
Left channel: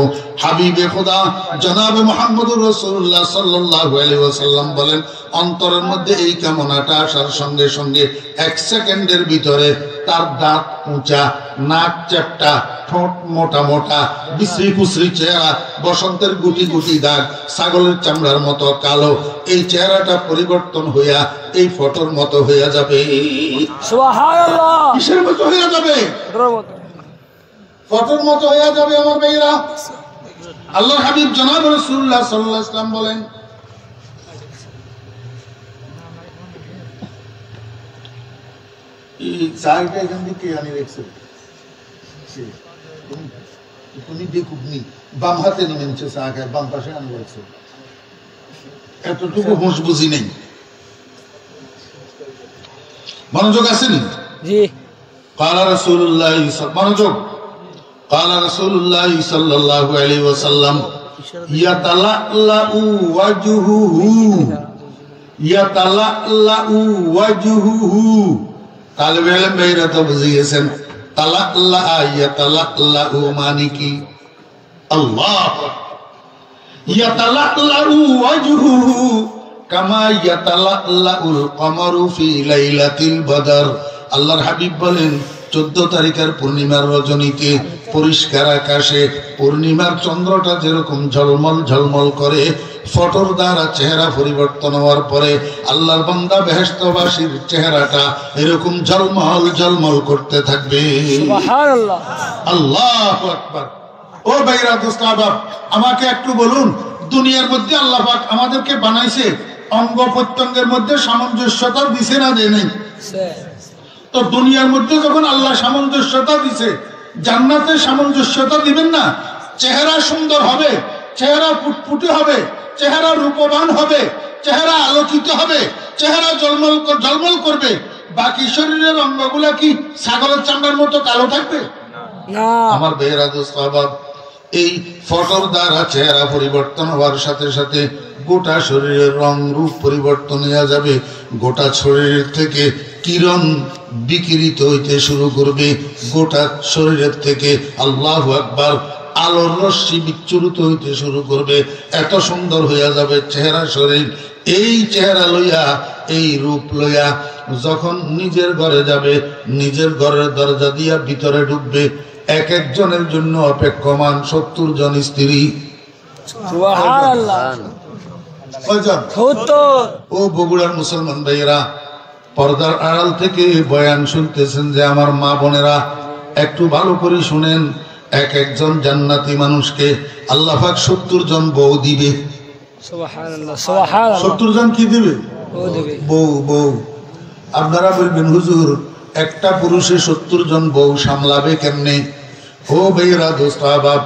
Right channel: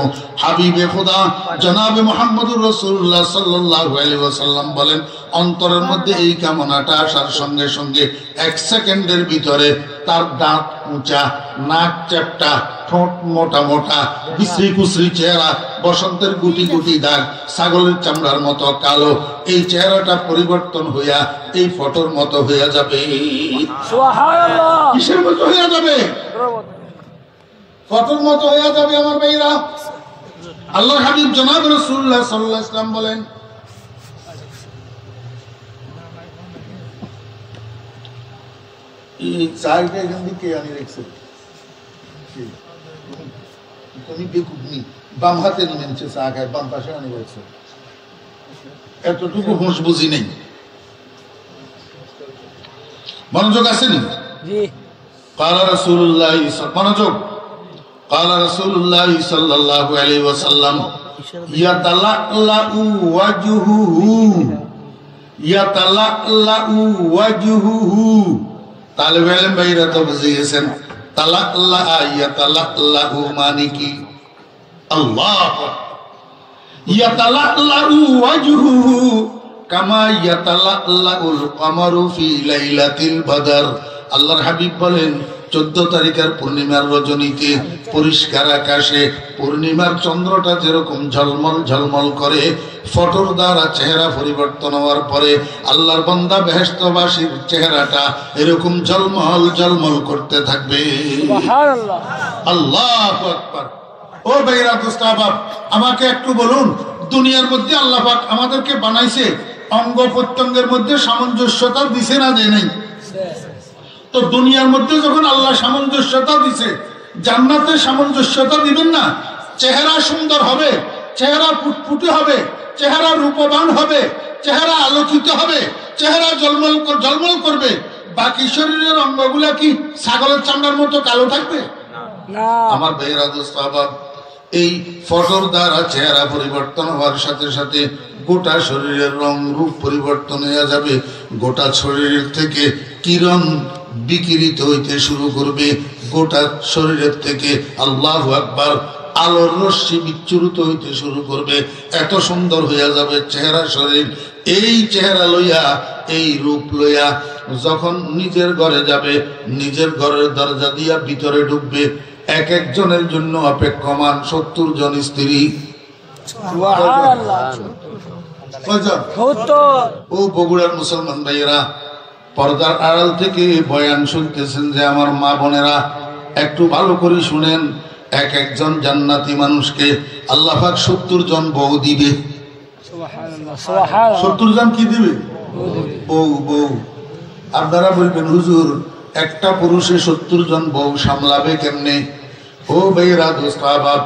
হাবিবে খোদা জনাবে মুহাম্মদুর রাসূলুল্লাহ সাল্লাল্লাহু আলাইহি ওয়াসাল্লাম বলেন, অন্তরের মধ্যে এই কামনাটা আসার সঙ্গে সঙ্গে 1 সেকেন্ডের ভিতরে তার দাঁত উঁচা, নাক চ্যাপ্টা, ঠোঁট মোটা মোটা, বিশ্রী কুশ্রী চেহারা, বসন্তের গুটি গুটি দাগ, ছাগলের চামড়ার মতো কালো, এই চেহারাটা পরিবর্তন হইয়া এই ফটোর মতো হইয়া যাবে। সুবহানাল্লাহ। কিসের মতো হইয়া যাবে? ফটোর মতো হইয়া যাবে আমার ভাইরা। আল্লাহ হাবিব জনাব রাসূলুল্লাহ সাল্লাল্লাহু আলাইহি ওয়াসাল্লাম বলেন, এই চাইটা এখান থেকে আনি রেখেছে, তুমি বেকুবনি, বাম হাতে নিমেনছে চা খায়, বাম পাশে আনি রেখেছে, এতটুকু হুঁশ বুঝি নেই। মনোযোগ আসেনি? قال رسول الله মনোযোগ। قال رسول الله صلى الله عليه وسلم يتلألأ وجهه তালেবে ইলম ভাইরা তো বুঝে গেছেন, তালাল্লা ইয়াতালাল্লাহু মানে কি? আল্লাহ ইয়াতালাল্লাহু ওয়াজহুহু কামা ইয়াতালাল্লাহুল কমারু ফি লাইলাতিল বদর। আল্লাহর হাবিব বলেন, 14 তারিখের পূর্ণিমার রজনীতে পরিষ্কার আকাশে পূর্ণিমার চন্দ্রটা যেরকম ঝলমল ঝলমল করে, ফটোর দ্বারা চেহারা পরিবর্তন হওয়ার পরে আল্লাহর বান্দা বেহেশতবাসীর চেহারাটা এরকম ঝলমল ঝলমল করতে থাকবে। সুবহানাল্লাহ, আল্লাহু আকবার। ও ভাইরা দোস্ত আহবাব, আমাকে একটু বলুন, দুনিয়ার মধ্যে আল্লাহ পাক আমাদেরকে বানাইছে, অঙ্গ প্রত্যঙ্গের মধ্যে সামঞ্জস্যতা দিছে না যে নেই? তো দুনিয়ার মধ্যে যখন আল্লাহ সামঞ্জস্যতা দিছে, জান্নাতে সামঞ্জস্যতা দিবেন না? চেহারা সুন্দর হবে, চেহারা ফুটফুটে হবে, চেহারা রূপবান হবে, চেহারা আলোকিত হবে, চেহারা জলমল করবে, বাকি শরীরের অঙ্গগুলা কি ছাগলের চামড়ার মতো কালো থাকবে? আমার ভাইয়েরা দোস্ত আহবাব, এই ফটোর দ্বারা চেহারা পরিবর্তন হওয়ার সাথে সাথে গোটা শরীরের রং রূপ পরিবর্তন হয়ে যাবে, গোটা শরীরের থেকে কিরণ বিকিরিত হইতে শুরু করবে, গোটা শরীরের থেকে আল্লাহু আকবার আলোর রশ্মি বিচ্ছুরিত হইতে শুরু করবে, এত সুন্দর হইয়া যাবে চেহারা শরীর। এই চেহারা লইয়া, এই রূপ লইয়া যখন নিজের ঘরে যাবে, নিজের ঘরের দরজা দিয়া ভিতরে ঢুকবে, এক একজনের জন্য অপেক্ষমান 70 জন স্ত্রী। ও বগুড়ার মুসলমান ভাইয়েরা, পর্দার আড়াল থেকে বয়ান শুনতেছেন যে আমার মা বোনেরা, একটু ভালো করে শুনেন, এক একজন জান্নাতি মানুষকে আল্লাহ পাক 70 জন বউ দিবে। 70 জন কি দিবে? বউ। বউ। আপনারা বলবেন, হুজুর একটা পুরুষে 70 জন বউ সামলাবে কেমনে? ও ভাইরা দোস্ত আহবাব,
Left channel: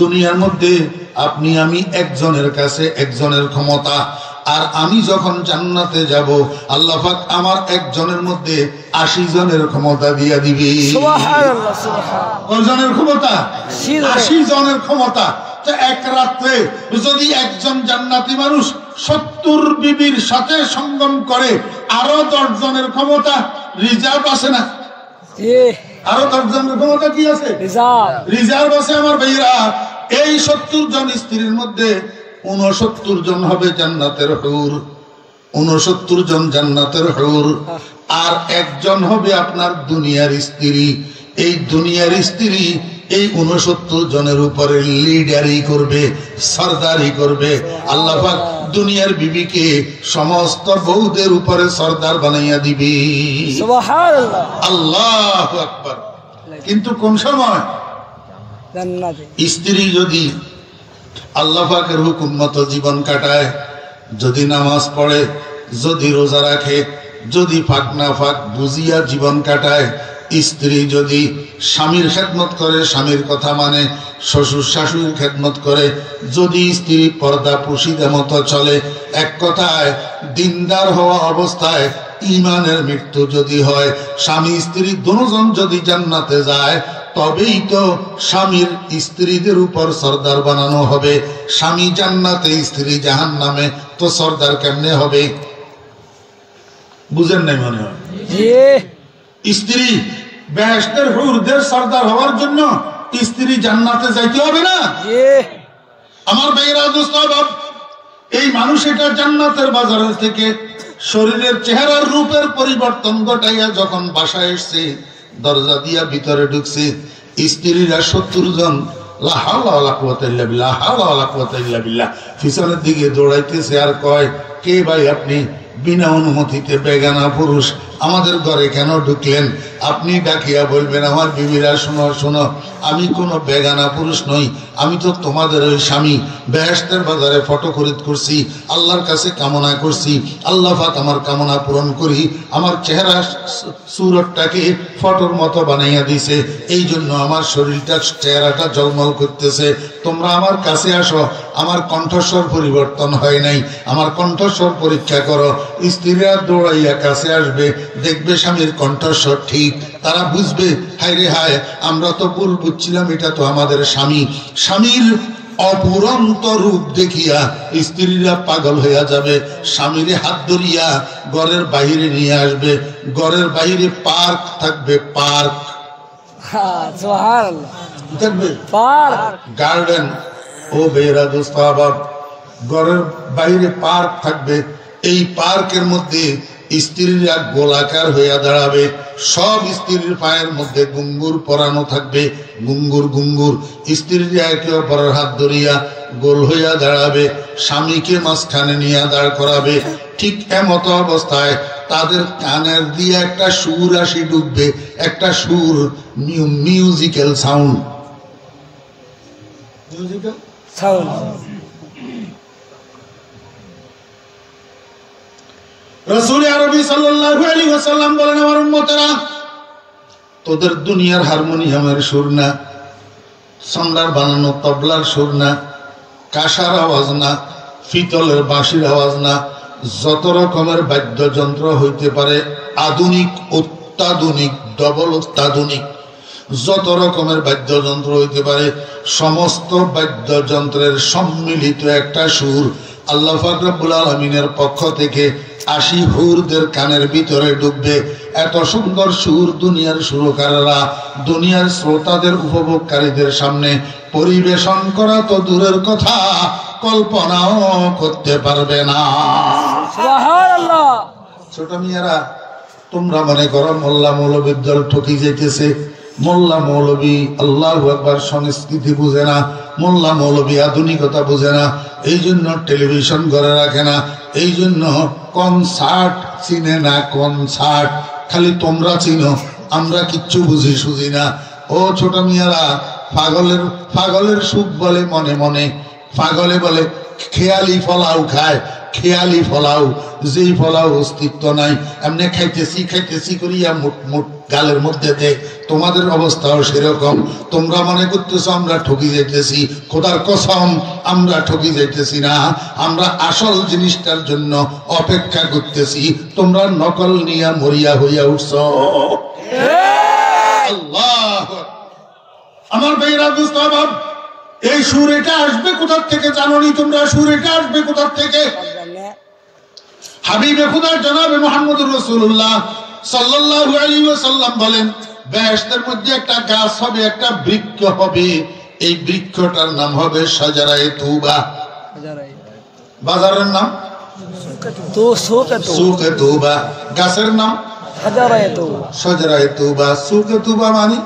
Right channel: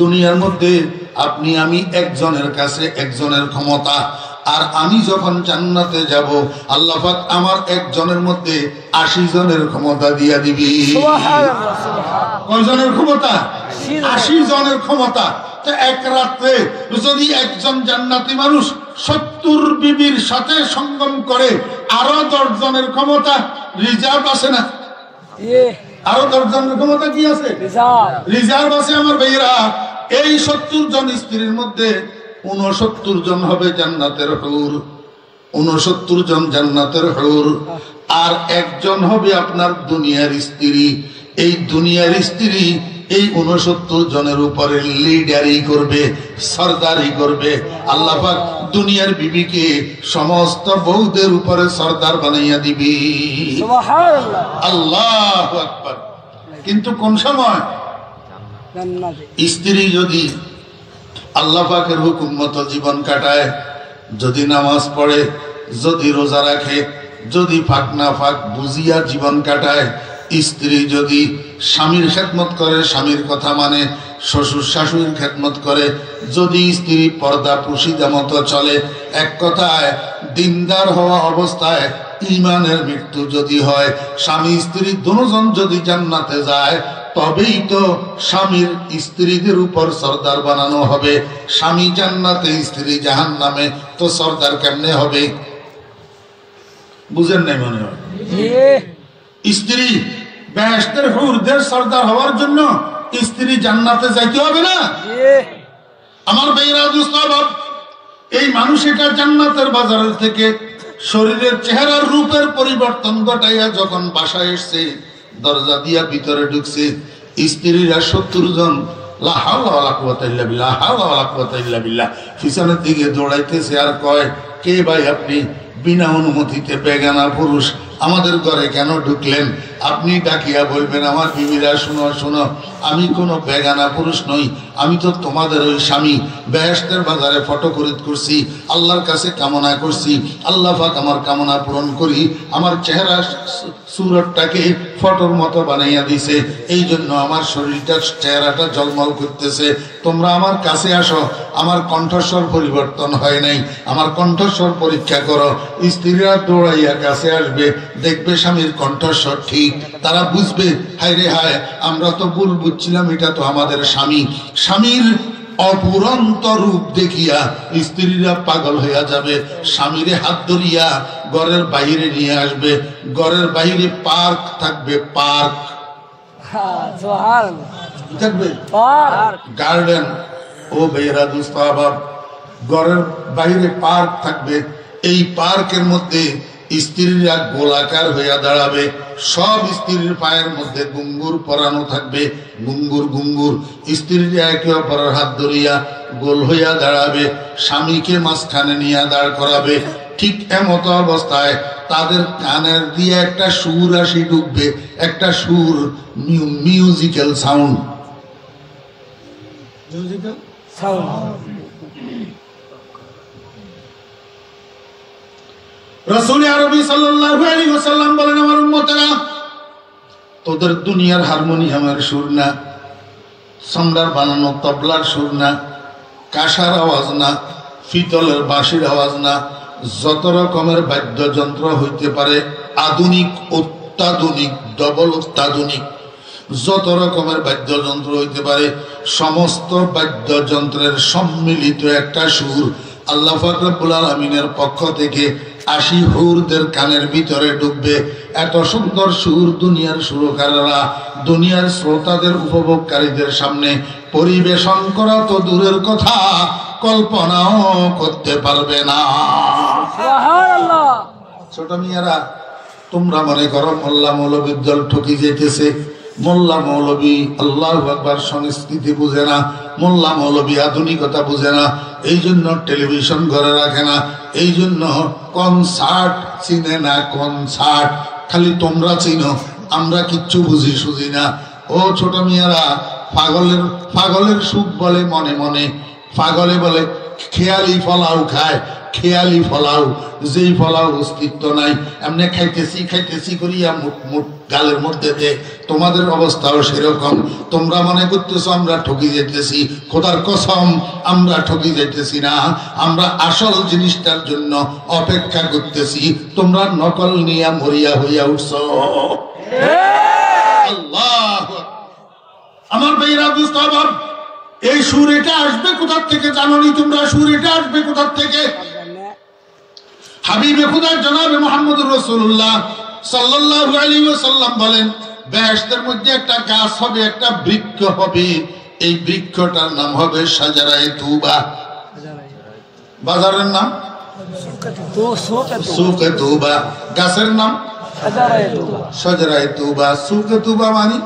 দুনিয়ার মধ্যে আপনি আমি একজনের কাছে একজনের ক্ষমতা, আর আমি যখন জান্নাতে যাব আল্লাহ পাক আমার একজনের মধ্যে 80 জনের ক্ষমতা দিয়া দিবে। কয়জনের ক্ষমতা? 80 জনের ক্ষমতা। তো এক রাত্রে যদি একজন জান্নাতি মানুষ 70 বিবির সাথে সঙ্গম করে, আরো 10 জনের ক্ষমতা রিজার্ভ আছে না? আরো 10 জনের ক্ষমতা কি আছে? রিজার্ভ আছে আমার ভাইরা। এই 70 জন স্ত্রীর মধ্যে 69 জন হবে জান্নাতের হুর, 69 জন জান্নাতের হুর, আর একজন হবে আপনার দুনিয়ার স্ত্রী। এই দুনিয়ার স্ত্রী এই 69 জনের উপরে লিডারি করবে, সরদারি করবে। আল্লাহ পাক দুনিয়ার বিবিকে সমস্ত বউদের উপরে সরদার বানাইয়া দিবে। সুবহানাল্লাহ, আল্লাহু আকবার। কিন্তু কোন সময়? স্ত্রী যদি আল্লাহ পাকের হুকুম মতো জীবন কাটায়, যদি নামাজ পড়ে, যদি রোজা রাখে, যদি ফাঁক না ফাঁক বুঝিয়া জীবন কাটায়, স্ত্রী যদি স্বামীর খেদমত করে, স্বামীর কথা মানে, শ্বশুর শাশুড়ির খেদমত করে, যদি স্ত্রী পর্দা পুশিদা মতো চলে, এক কথায় দিনদার হওয়া অবস্থায় ইমানের মৃত্যু যদি হয়, স্বামী স্ত্রী দুজন যদি জান্নাতে যায়, তবেই তো স্বামীর স্ত্রীদের উপর সর্দার বানানো হবে। স্বামী জান্নাতে, স্ত্রী জাহান্নামে, তো সর্দার কেমনে হবে? বুঝেন নাই মনে হয়? স্ত্রী বেহেশতের হুরদের সর্দার হওয়ার জন্য স্ত্রী জান্নাতে যাইতে হবে না? আমার ভাইরা দোস্ত, এই মানুষ এটা জান্নাতের বাজারের থেকে শরীরের চেহারার রূপের পরিবর্তন ঘটাইয়া যখন বাসায় এসছে, দরজা দিয়া ভিতরে ঢুকছে, স্ত্রীরা 70 জন লা হাওলা ওয়ালা কুওয়াতা ইল্লা বিল্লাহ, হাওলা ওয়ালা কুওয়াতা ইল্লা বিল্লাহ পিছনের দিকে দৌড়াইতেছে আর কয়, কে ভাই আপনি? বিনা অনুমতিতে বেগানা পুরুষ আমাদের ঘরে কেন ঢুকলেন? আপনি ডাকিয়া বলবেন, আমার বিবিরা শোনো শোনো, আমি কোনো বেগানা পুরুষ নই, আমি তো তোমাদের ওই স্বামী। বেহেশতের বাজারে ফটো খরিদ করছি, আল্লাহর কাছে কামনা করছি, আল্লাহ পাক আমার কামনা পূরণ করি, আমার চেহারা সুরতটাকে ফটোর মতো বানাইয়া দিছে, এই জন্য আমার শরীরটা চেহারাটা ঝলমল করতেছে। তোমরা আমার কাছে আসো, আমার কণ্ঠস্বর পরিবর্তন হয় নাই, আমার কণ্ঠস্বর পরীক্ষা করো। স্ত্রীরা দৌড়াইয়া কাছে আসবে, দেখবে স্বামীর কণ্ঠস্বর ঠিক, তারা বুঝবে হায় রে হায়, আমরা তো ভুল বুঝছিলাম, এটা তো আমাদের স্বামী। স্বামীর অপুরন্ত রূপ দেখিয়া স্ত্রীরা পাগল হইয়া যাবে, স্বামীরে হাত ধরিয়া ঘরের বাহিরে নিয়ে আসবে। ঘরের বাহিরে পার্ক থাকবে, পার্ক থাকবে, গার্ডেন। ও ভাইয়েরা দোস্ত, আবার ঘরের বাইরে পার্ক থাকবে। এই পার্কের মধ্যে স্ত্রীরা গোলাকার হইয়া দাঁড়াবে, সব স্ত্রীর পায়ের মধ্যে গুঙ্গুর পরানো থাকবে, গুঙ্গুর গুঙ্গুর। স্ত্রীরা একে অপরের হাত ধরিয়া গোল হইয়া দাঁড়াবে, স্বামীকে মাঝখানে নিয়ে দাঁড় করাবে। ঠিক এমতো অবস্থায় তাদের কানের দিয়ে একটা সুর আসি ঢুকবে, একটা সুর, মিউজিক্যাল সাউন্ড, মিউজিক্যাল সাউন্ড। রাসূল আরবি সাল্লাল্লাহু আলাইহি ওয়াসাল্লাম বলেন, আমার উম্মতেরা, তোদের দুনিয়ার হারমোনিয়ামের সুর না, সন্ডার বানানো তবলার সুর না, কাঁসার আওয়াজ না, পিতলের বাঁশির আওয়াজ না, যত রকমের বাদ্যযন্ত্র হইতে পারে, আধুনিক, অত্যাধুনিক, ডবল অত্যাধুনিক, যত রকমের বাদ্যযন্ত্র হইতে পারে, সমস্ত বাদ্যযন্ত্রের সম্মিলিত একটা সুর আল্লাহ পাক রব্বুল আলামিনের পক্ষ থেকে 80 হুরদের কানের ভিতরে ঢুকবে। এত সুন্দর সুর দুনিয়ার সুরকাররা দুনিয়ার শ্রোতাদের, উপভোগকারীদের সামনে পরিবেশন করা তো দূরের কথা, কল্পনাও করতে পারবে না। ছোট মিয়ারা, তোমরা মনে করো মোল্লা মৌলবীর দল ঠকি যেতেছে। মোল্লা মৌলবী আল্লাহু আকবার সংস্কৃতি বুঝে না, মোল্লা মৌলবী আধুনিকতা বুঝে না, এই জন্য টেলিভিশন ঘরে রাখে না, এই জন্য কনসার্ট চিনে না। কনসার্ট খালি তোমরা চিনো, আমরা কিচ্ছু বুঝি সুঝি না। ও ছোট মিয়ারা, পাগলের সুখ বলে মনে মনে, পাগলে বলে খেয়ালি ফলাও খায়, খেয়ালি ফলাও, যেই ফলাও অস্তিত্ব নাই, এমনি খাইতেছি খাইতেছি করিয়া মুট মুট গালের মধ্যে দে। তোমাদের অবস্থাও সেরকম। তোমরা মনে করতেছো আমরা ঠকি যেতেছি, খোদার কসম আমরা ঠকি যেতেছি না, আমরা আসল জিনিসটার জন্য অপেক্ষা করতেছি। তোমরা নকল নিয়া মরিয়া হইয়া উঠছ। আল্লাহ আমার ভাইরা দোস্ত, এই সুর এটা আসবে কোথার থেকে জানোনি তোমরা? সুর এটা আসবে কোথার থেকে? হাবিবে খুদা জনাবে মুহাম্মদুর রাসূলুল্লাহ সাল্লাল্লাহু আলাইহি ওয়াসাল্লাম বলেন, বেহেশতের মধ্যে একটা গাছ হবে, একটা বৃক্ষ হবে, এই বৃক্ষটার নাম হবে শাজারায়ে তওবা। বাজারের নাম সুকে তওবা, গাছের নাম শাজারায়ে তওবা। সুকে তওবা মানে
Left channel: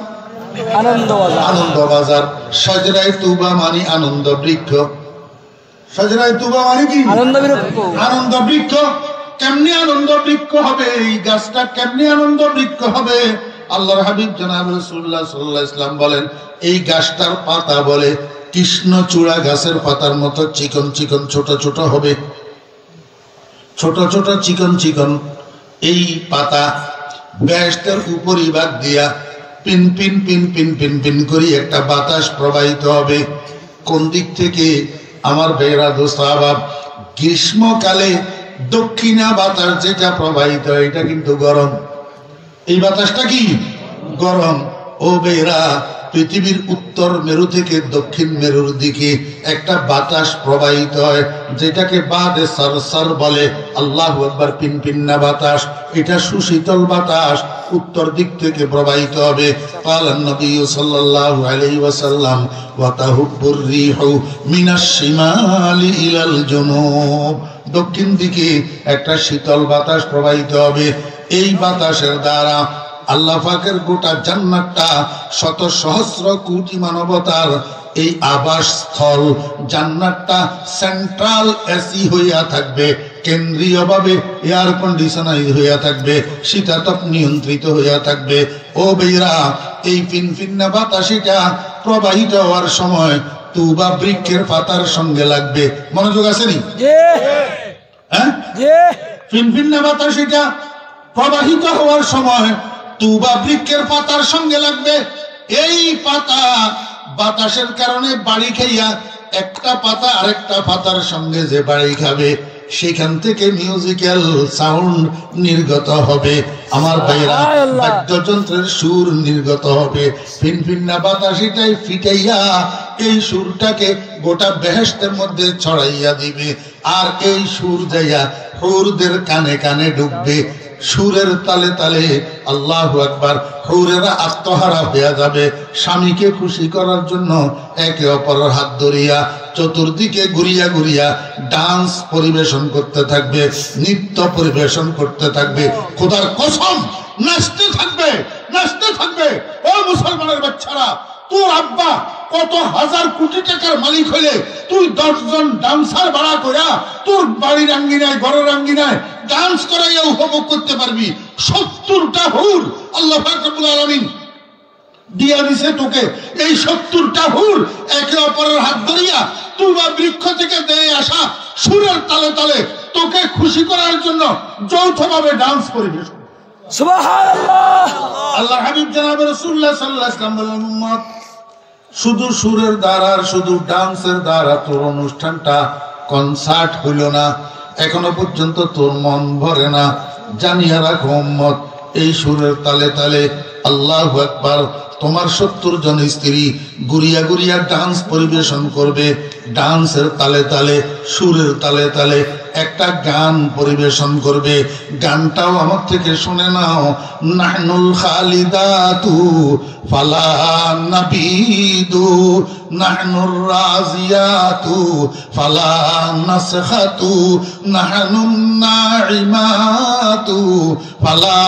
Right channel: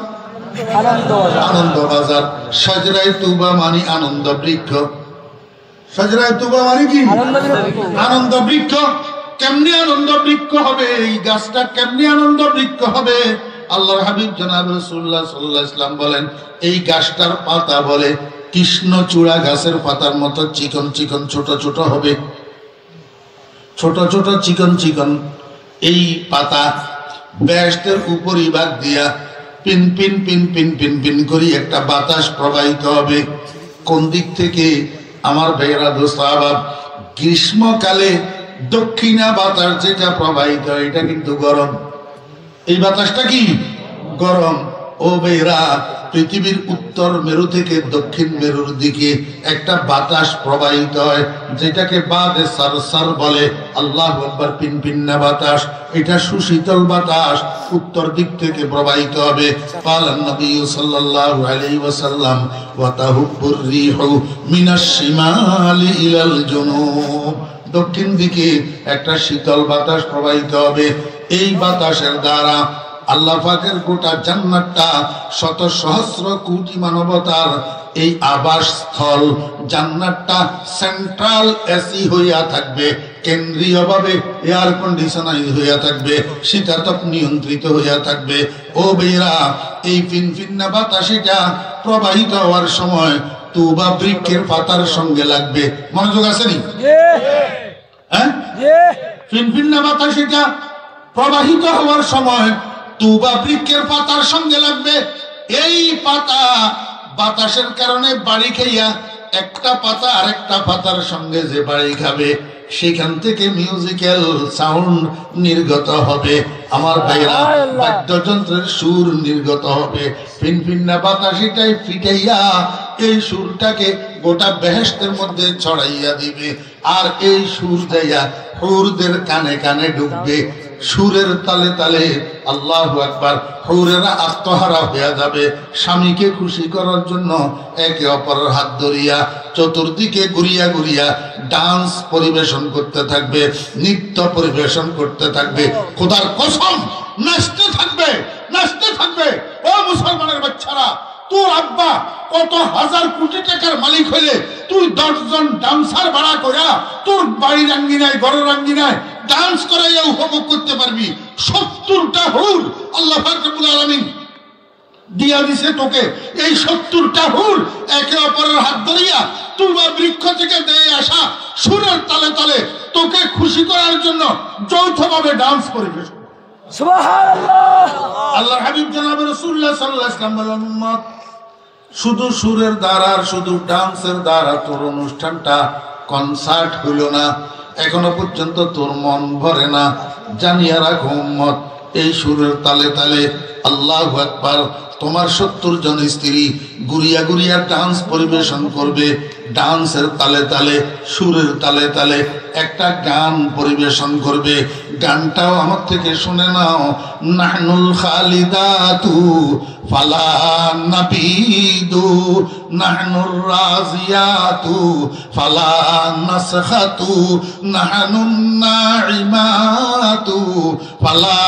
আনন্দ বাজার, শাজারায়ে তওবা মানে আনন্দ বৃক্ষ। শাজারায়ে তওবা মানে কি? আনন্দ বৃক্ষ। কেমনি আনন্দ বৃক্ষ হবে এই গাছটা? কেমনি আনন্দ বৃক্ষ হবে? আল্লাহর হাবিব জনাব রাসূলুল্লাহ সাল্লাল্লাহু আলাইহি ওয়াসাল্লাম বলেন, এই গাছটার পাতা বলে কৃষ্ণচূড়া গাছের পাতার মতো চিকন চিকন ছোট ছোট হবে, ছোট ছোট চিকন চিকন। এই পাতা বেহেশতের উপরিভাগ দিয়া pin pin pin pin pin pin করি একটা বাতাস প্রবাহিত হবে। কোন দিক থেকে? আমার ভাইয়েরা দোস্ত আবাব, গ্রীষ্মকালে দক্ষিণা বাতাস যেটা প্রবাহিত হয় এটা কিন্তু গরম। এই বাতাসটা কি? গরম। ও ভাইয়েরা, পৃথিবীর উত্তর মেরু থেকে দক্ষিণ মেরুর দিকে একটা বাতাস প্রবাহিত হয়, যেটাকে বাদে সরসর বলে। আল্লাহু আকবার। পিনপিন্না বাতাস, এটা সুশীতল বাতাস উত্তর দিক থেকে প্রবাহিত হবে। কালান নবী সাল্লাল্লাহু আলাইহি ওয়াসাল্লাম ওয়া তাহুব্বুর রিহু মিনাশ শিমালি ইলাল জুনুব। দক্ষিণ দিকে একটা শীতল বাতাস প্রবাহিত হবে। এই বাতাসের দ্বারা আল্লাহ পাকের গোটা জান্নাতটা শত সহস্র কোটি মানবতার এই আবাস স্থল, জান্নাতটা সেন্ট্রাল এসি হইয়া থাকবে, কেন্দ্রীয়ভাবে এয়ার কন্ডিশনাইজ হইয়া থাকবে, শীতাতপ নিয়ন্ত্রিত হইয়া থাকবে। ও বেরা, এই ফিনফিন্না বাতাসিটা প্রবাহিত হওয়ার সময় তুবা বৃক্ষের পাতার সঙ্গে লাগবে। মনোযোগ আসেনি? হ্যাঁ, ফিনফিন্না বাতাসিটা প্রবাহিত হওয়ার সময় তুবা বৃক্ষের পাতার সঙ্গে লাগবে। এই পাতা বাতাসের কারণে বাড়ি খাইয়া একটা পাতা আরেকটা পাতার সঙ্গে যে বাড়ি খাবে, সেখান থেকে মিউজিক্যাল সাউন্ড নির্গত হবে। আমার ভাইরা, বাদ্যযন্ত্রের সুর নির্গত হবে। ফিনফিন্না বাতাসিটাই ফিটাইয়া এই সুরটাকে গোটা বেহেশতের মধ্যে ছড়াইয়া দিবে। আর এই সুর যাইয়া হুরদের কানে কানে ঢুকবে। সুরের তালে তালে আল্লাহু আকবার, হুরেরা আত্মহারা হয়ে যাবে। স্বামীকে খুশি করার জন্য একে অপরের হাত ধরিয়া চতুর্দিকে ঘুরিয়া ঘুরিয়া ডান্স পরিবেশন করতে থাকবে, নৃত্য পরিবেশন করতে থাকবে। খোদার কসম, নাচতে থাকবে, নাচতে থাকবে। ও মুসলমানের বাচ্চারা, তোর আব্বা কত হাজার কোটি টাকার মালিক হইলে তুই 10 জন ডান্সার ভাড়া করা তোর বাড়ির আঙ্গিনায়, ঘরের আঙ্গিনায় ডান্স করাইয়া উপভোগ করতে পারবি। 70টা হুর আল্লাহ পাক রব্বুল আলামিন দিয়া দিছে তোকে। এই 70টা হুর একে অপরের হাত ধরিয়া তুবা বৃক্ষ থেকে দিয়ে আসা সুরের তালে তালে তোকে খুশি করার জন্য যৌথভাবে ডান্স পরিবেশন। সুবহানাল্লাহ। আল্লাহর হাবিব জনাব রাসূলুল্লাহ সাল্লাল্লাহু আলাইহি ওয়াসাল্লাম বললেন, উম্মত, শুধু সুরের দ্বারা, শুধু ডান্সের দ্বারা তোর অনুষ্ঠানটা কনসার্ট হইল না, এখনো পর্যন্ত তোর মন ভরে না। জানিয়ে রাখো উম্মত, এই সুরের তালে তালে আল্লাহু আকবার, তোমার 70 জন স্ত্রী গুড়িয়া গুড়িয়া ডান্স পরিবেশন করবে। ডান্সের তালে তালে, সুরের তালে তালে একটা গান পরিবেশন করবে। গানটাও আমার থেকে শুনে নাও। নাহনুল খালিদাতু ফালা নাবিদু, নাহনুর রাজিয়াতু ফালা নাসখাতু, নাহনুন নাইমাতু ফালা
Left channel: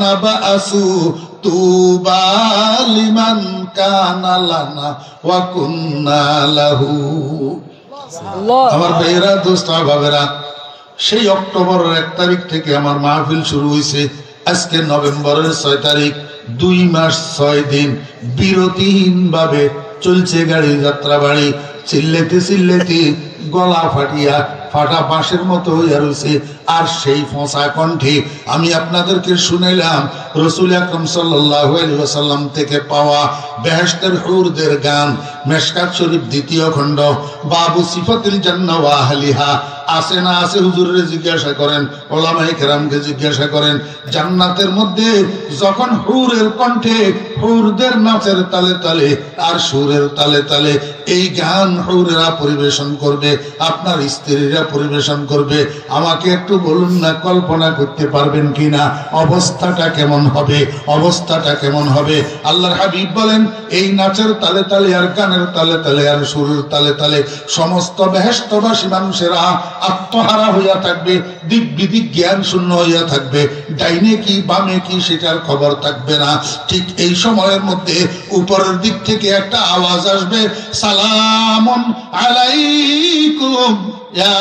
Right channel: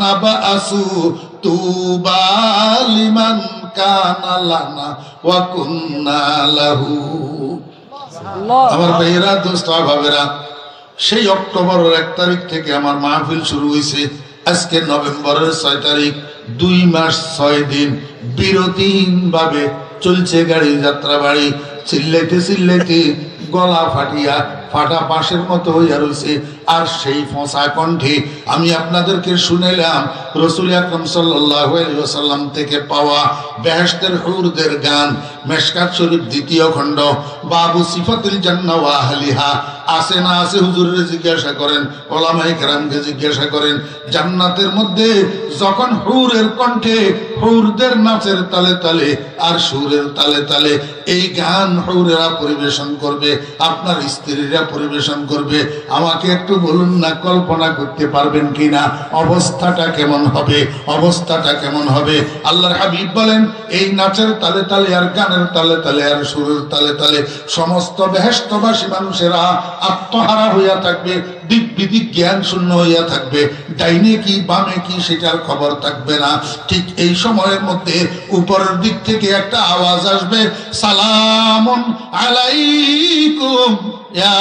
নাবাসু, তুবা লিমান কানা লানা ওয়া কুন্না লাহু। আমার ভাইয়েরা, দোস্তা ভাবেরা, সেই অক্টোবরের 1 তারিখ থেকে আমার মাহফিল শুরু হয়েছে। আজকে নভেম্বরের 6 তারিখ, 2 মাস 6 দিন বিরতিহীন ভাবে চলছে গাড়ি যাত্রা বাড়ি। চিল্লাইতে চিল্লাইতে গলা ফাটিয়া ফাটা বাঁশের মতো হইয়া রয়েছে। আর সেই ফসা কণ্ঠে আমি আপনাদেরকে শুনাইলাম রাসূল আকরাম সাল্লাল্লাহু আলাইহি ওয়াসাল্লাম থেকে পাওয়া বেহেশতের হুরদের গান। মেশকাত শরীফ 2য় খণ্ড, বাবু সিফাতুল জান্নাহ ওয়া আহলিহা। আছে না আছে হুজুরের জিজ্ঞাসা করেন, ওলামায়ে কেরামকে জিজ্ঞাসা করেন। জান্নাতের মধ্যে যখন হুরের কণ্ঠে, হুরদের নাচের তালে তালে আর সুরের তালে তালে এই গান হুরেরা পরিবেশন করবে, আপনার স্ত্রীরা পরিবেশন করবে, আমাকে একটু বলুন না, কল্পনা করতে পারবেন কিনা অবস্থাটা কেমন হবে? অবস্থাটা কেমন হবে? আল্লাহর হাবিব বলেন, এই নাচের তালে তালে আর গানের তালে তালে আর সুরের তালে তালে সমস্ত বেহেশতবাসী মানুষেরা আত্মহারা হইয়া থাকবে, দিক বিদিক জ্ঞান শূন্য হইয়া থাকবে, ডাইনে কি বামে কি সেটার খবর থাকবে না। ঠিক এই সময়ের মধ্যে উপরের দিক থেকে একটা আওয়াজ আসবে, সালামুন আলাইকুম ইয়া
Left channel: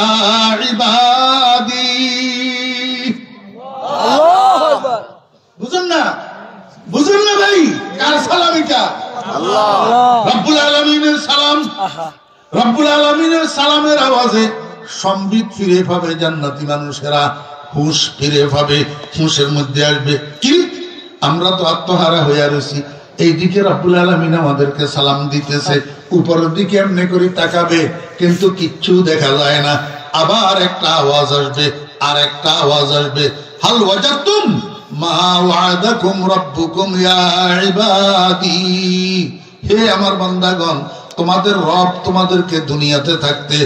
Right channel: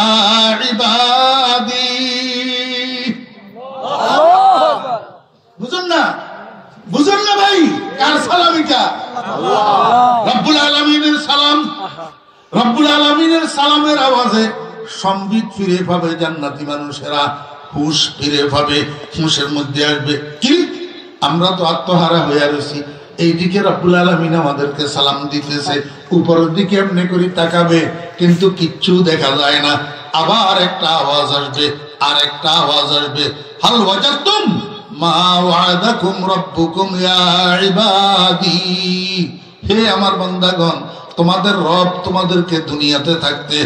ইবাদি। বুঝুন না, বুঝুন না ভাই, কার সালাম এটা? রব্বুল আলামিনের সালাম। রব্বুল আলামিনের সালামের আওয়াজে সম্বিত ফিরে পাবে জান্নাতি মানুষেরা, হুঁশ ফিরে পাবে, হুঁশের মধ্যে আসবে। কি আমরা তো আত্মহারা হয়ে রয়েছি, এইদিকে রব্বুল আলামিন আমাদেরকে সালাম দিতেছে, উপরের দিকে এমনি করে তাকাবে কিন্তু কিচ্ছু দেখা যায় না। আবার একটা আওয়াজ আসবে, আর একটা আওয়াজ আসবে, হাল ওয়াজাতুম মা ওয়াদাকুম রাব্বুকুম ইয়া ইবাদি। হে আমার বান্দাগণ, তোমাদের রব তোমাদেরকে দুনিয়াতে থাকতে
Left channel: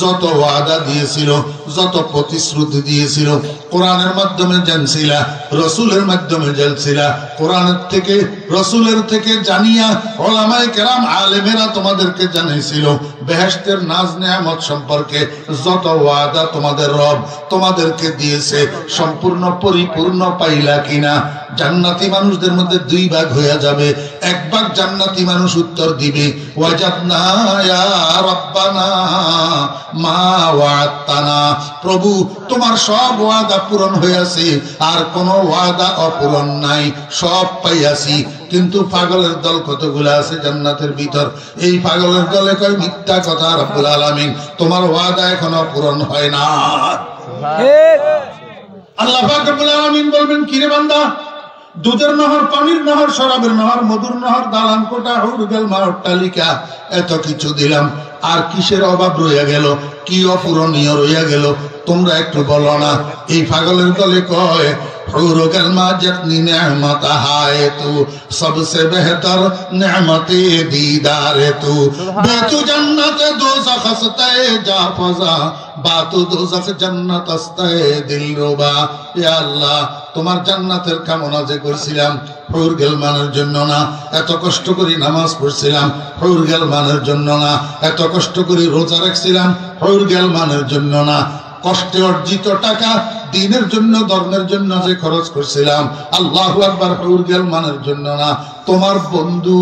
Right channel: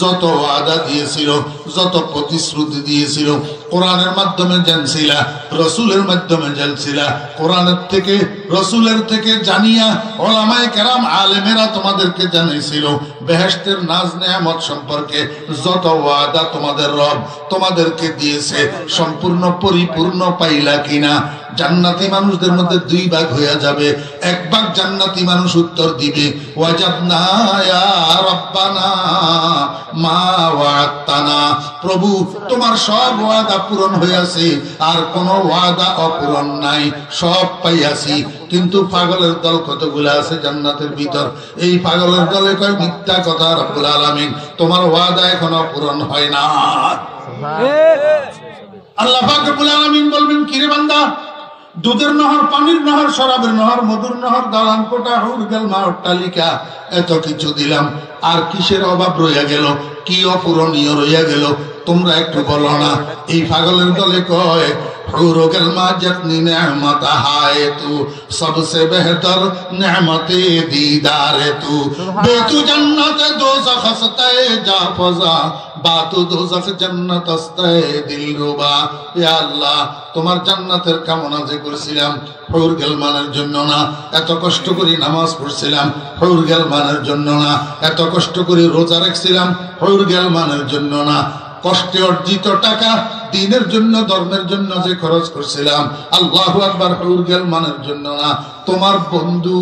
যত ওয়াদা দিয়েছিল, যত প্রতিশ্রুতি দিয়েছিল, কোরআনের মাধ্যমে জানছিলা, রসুলের মাধ্যমে জানছিলা, কোরআনের থেকে রসুলের থেকে জানিয়া ওলামায়ে কেরাম আলেমেরা তোমাদেরকে জানাইছিল বেহেশতের নাজ নেয়ামত সম্পর্কে যত ওয়াদা তোমাদের রব তোমাদেরকে দিয়েছে সম্পূর্ণ পরিপূর্ণ পাইলা কিনা? জান্নাতি মানুষদের মধ্যে দুই ভাগ হয়ে যাবে। এক ভাগ জান্নাতি মানুষ উত্তর দিবে ওয়াজাদনা ইয়া রাব্বানা মা ওয়া'আদতানা, প্রভু তোমার সব ওয়াদা পূরণ হইয়াছে, আর কোন ওয়াদা অপূরণ নাই, সব পাইয়াছি। কিন্তু পাগলের দল কতগুলা আছে জান্নাতের ভিতর, এই পাগলের দলে কয় মিথ্যা কথা, রব্বুল আলামিন তোমার ওয়াদা এখনো পূরণ হয় না। আল্লাহ পাক রব্বুল আলামিন বলবেন, কিরে বান্দা, দুধের নহর, পানির নহর, শরাবের নহর, মধুর নহর, দালান কোটা, হুর গেলমা, অট্টালিকা, এত কিছু দিলাম, আর কিসের অভাব রইয়া গেল? কি অপূরণীয় রইয়া গেল? তোমরা একটু বলো না। এই পাগলের দলে কয় হুরু গেলমা জিতনি নেমত হায় তু সবসে বেহতর নেমতে দীদারে তু বেতু জান্নাতে দোজখ হস্তায়ে যা ফজা বাতু দোজখ জান্নাত হস্তায়ে দিলরুবা। ইয়া আল্লাহ, তোমার জান্নাতের কামনা যে করছিলাম হুর গেলমানের জন্য না, এত কষ্ট করে নামাজ পড়ছিলাম হুর গেলমানের জন্য না, এত কষ্ট করে রোজা রাখছিলাম হুর গেলমানের জন্য না, কষ্টে অর্জিত টাকা দ্বীনের জন্য, ধর্মের জন্য যে খরচ করছিলাম আল্লাহু আকবার হুর গেলমানের জন্য না। তোমার বন্ধু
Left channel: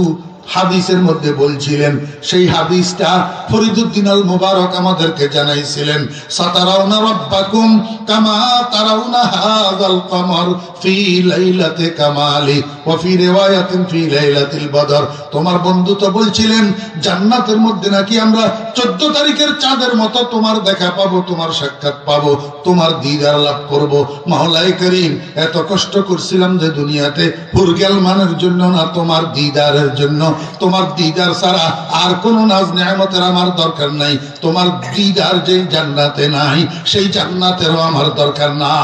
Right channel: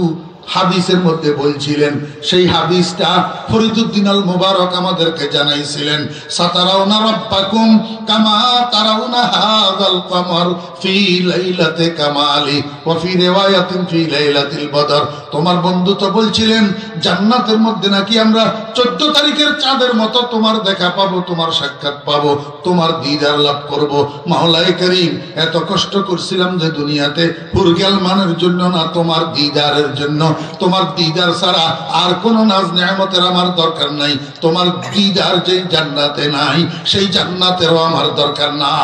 হাদিসের মধ্যে বলছিলেন, সেই হাদিসটা ফরিদুদ্দিন আল মুবারক আমাদেরকে জানাইছিলেন, সাতারাউনা রাব্বাকুম কামা তারাউনা হাযাল কমর ফি লাইলাতি কামালি ওয়া ফি রিওয়ায়াতিন ফি লাইলাতিল বদর। তোমার বন্ধু তো বলছিলেন জান্নাতের মধ্যে নাকি আমরা 14 তারিখের চাঁদের মতো তোমার দেখা পাবো, তোমার সাক্ষাৎ পাবো, তোমার দিদার লাভ করব। মাওলায়ে করিম, এত কষ্ট করছিলাম যে দুনিয়াতে হুর গেলমানের জন্য না, তোমার দিদারের জন্য। তোমার দিদার ছাড়া আর কোন নাজ নেয়ামতের আমার দরকার নাই। তোমার দিদার যে জান্নাতে নাই, সেই জান্নাতেরও আমার দরকার না।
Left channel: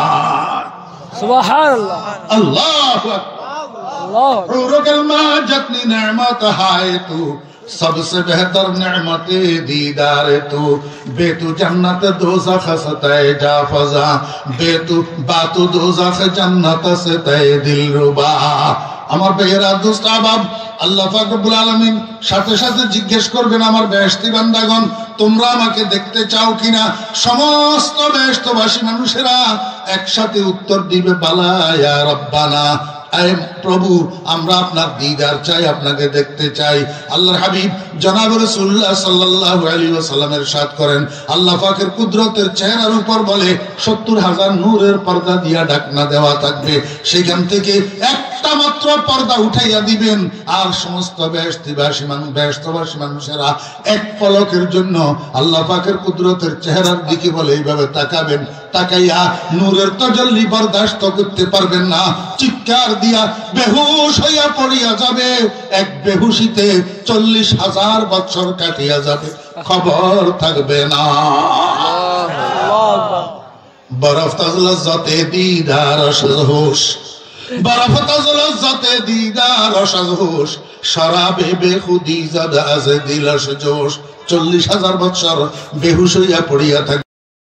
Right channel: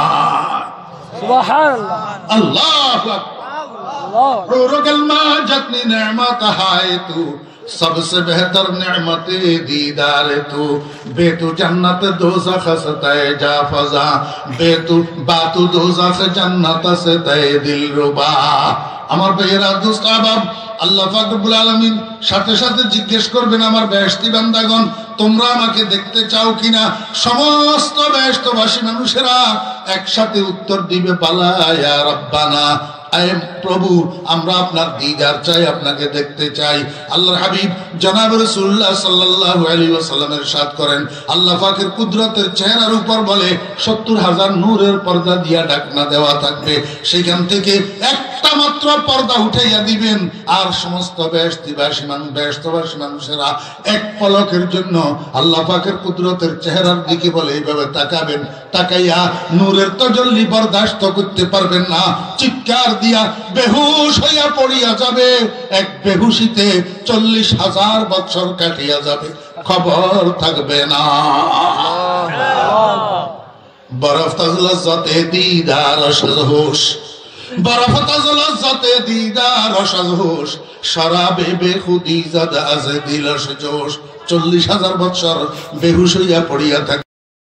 সুবহানাল্লাহ, আল্লাহু আকবার। হুরু গেলমা জিতনি নেমত হায় তু सबसे बेहतर नेमते दीदार तू बेतु जन्नत दोज़ख से तय जा फजा बेतु बातु दोज़ख जन्नत से तय दिलरुबा। আমার ভাইয়েরা, দোস্ত আহবাব, আল্লাহ পাক রব্বুল আলামিন সাথে সাথে জিজ্ঞেস করবেন, আমার বেহেশতি বান্দাগণ তোমরা আমাকে দেখতে চাও কিনা? সমস্ত বেহেশতবাসী মানুষেরা একসাথে উত্তর দিবে বালা ইয়া রাব্বানা, প্রভু আমরা আপনার দিদার চাই, আপনাকে দেখতে চাই। আল্লাহর হাবিব জনাব রাসূলুল্লাহ সাল্লাল্লাহু আলাইহি ওয়াসাল্লাম ইরশাদ করেন, আল্লাহ পাকের কুদরতের চেহারার উপর বলে 70,000 নূরের পর্দা দিয়া ঢাকনা দেওয়া থাকবে, সেখান থেকে একটা মাত্র পর্দা উঠাইয়া দিবেন, আর সমস্ত বেহেশতবাসী মানুষেরা এক পলকের জন্য আল্লাহ পাকের কুদরতের চেহারার দিকে বলে এইভাবে তাকাবেন, তাকাইয়া নূরের তাজাল্লি বরদাস্ত করতে পারবেন না, চিৎকার দিয়া বেহুশ হইয়া পড়িয়া যাবে। এক বেহুশিতে 40,000 বছর কাটিয়া যাবে, খবর থাকবে না। বরফ তাজলতে দিদার সজহুশ, বরফ তাজলতে দিদার সজহুশ, শরাবে বেখুদি জাদ আজ দিলস জোশ। 40,000 বছর বেহুশ হইয়া পড়িয়া থাকে।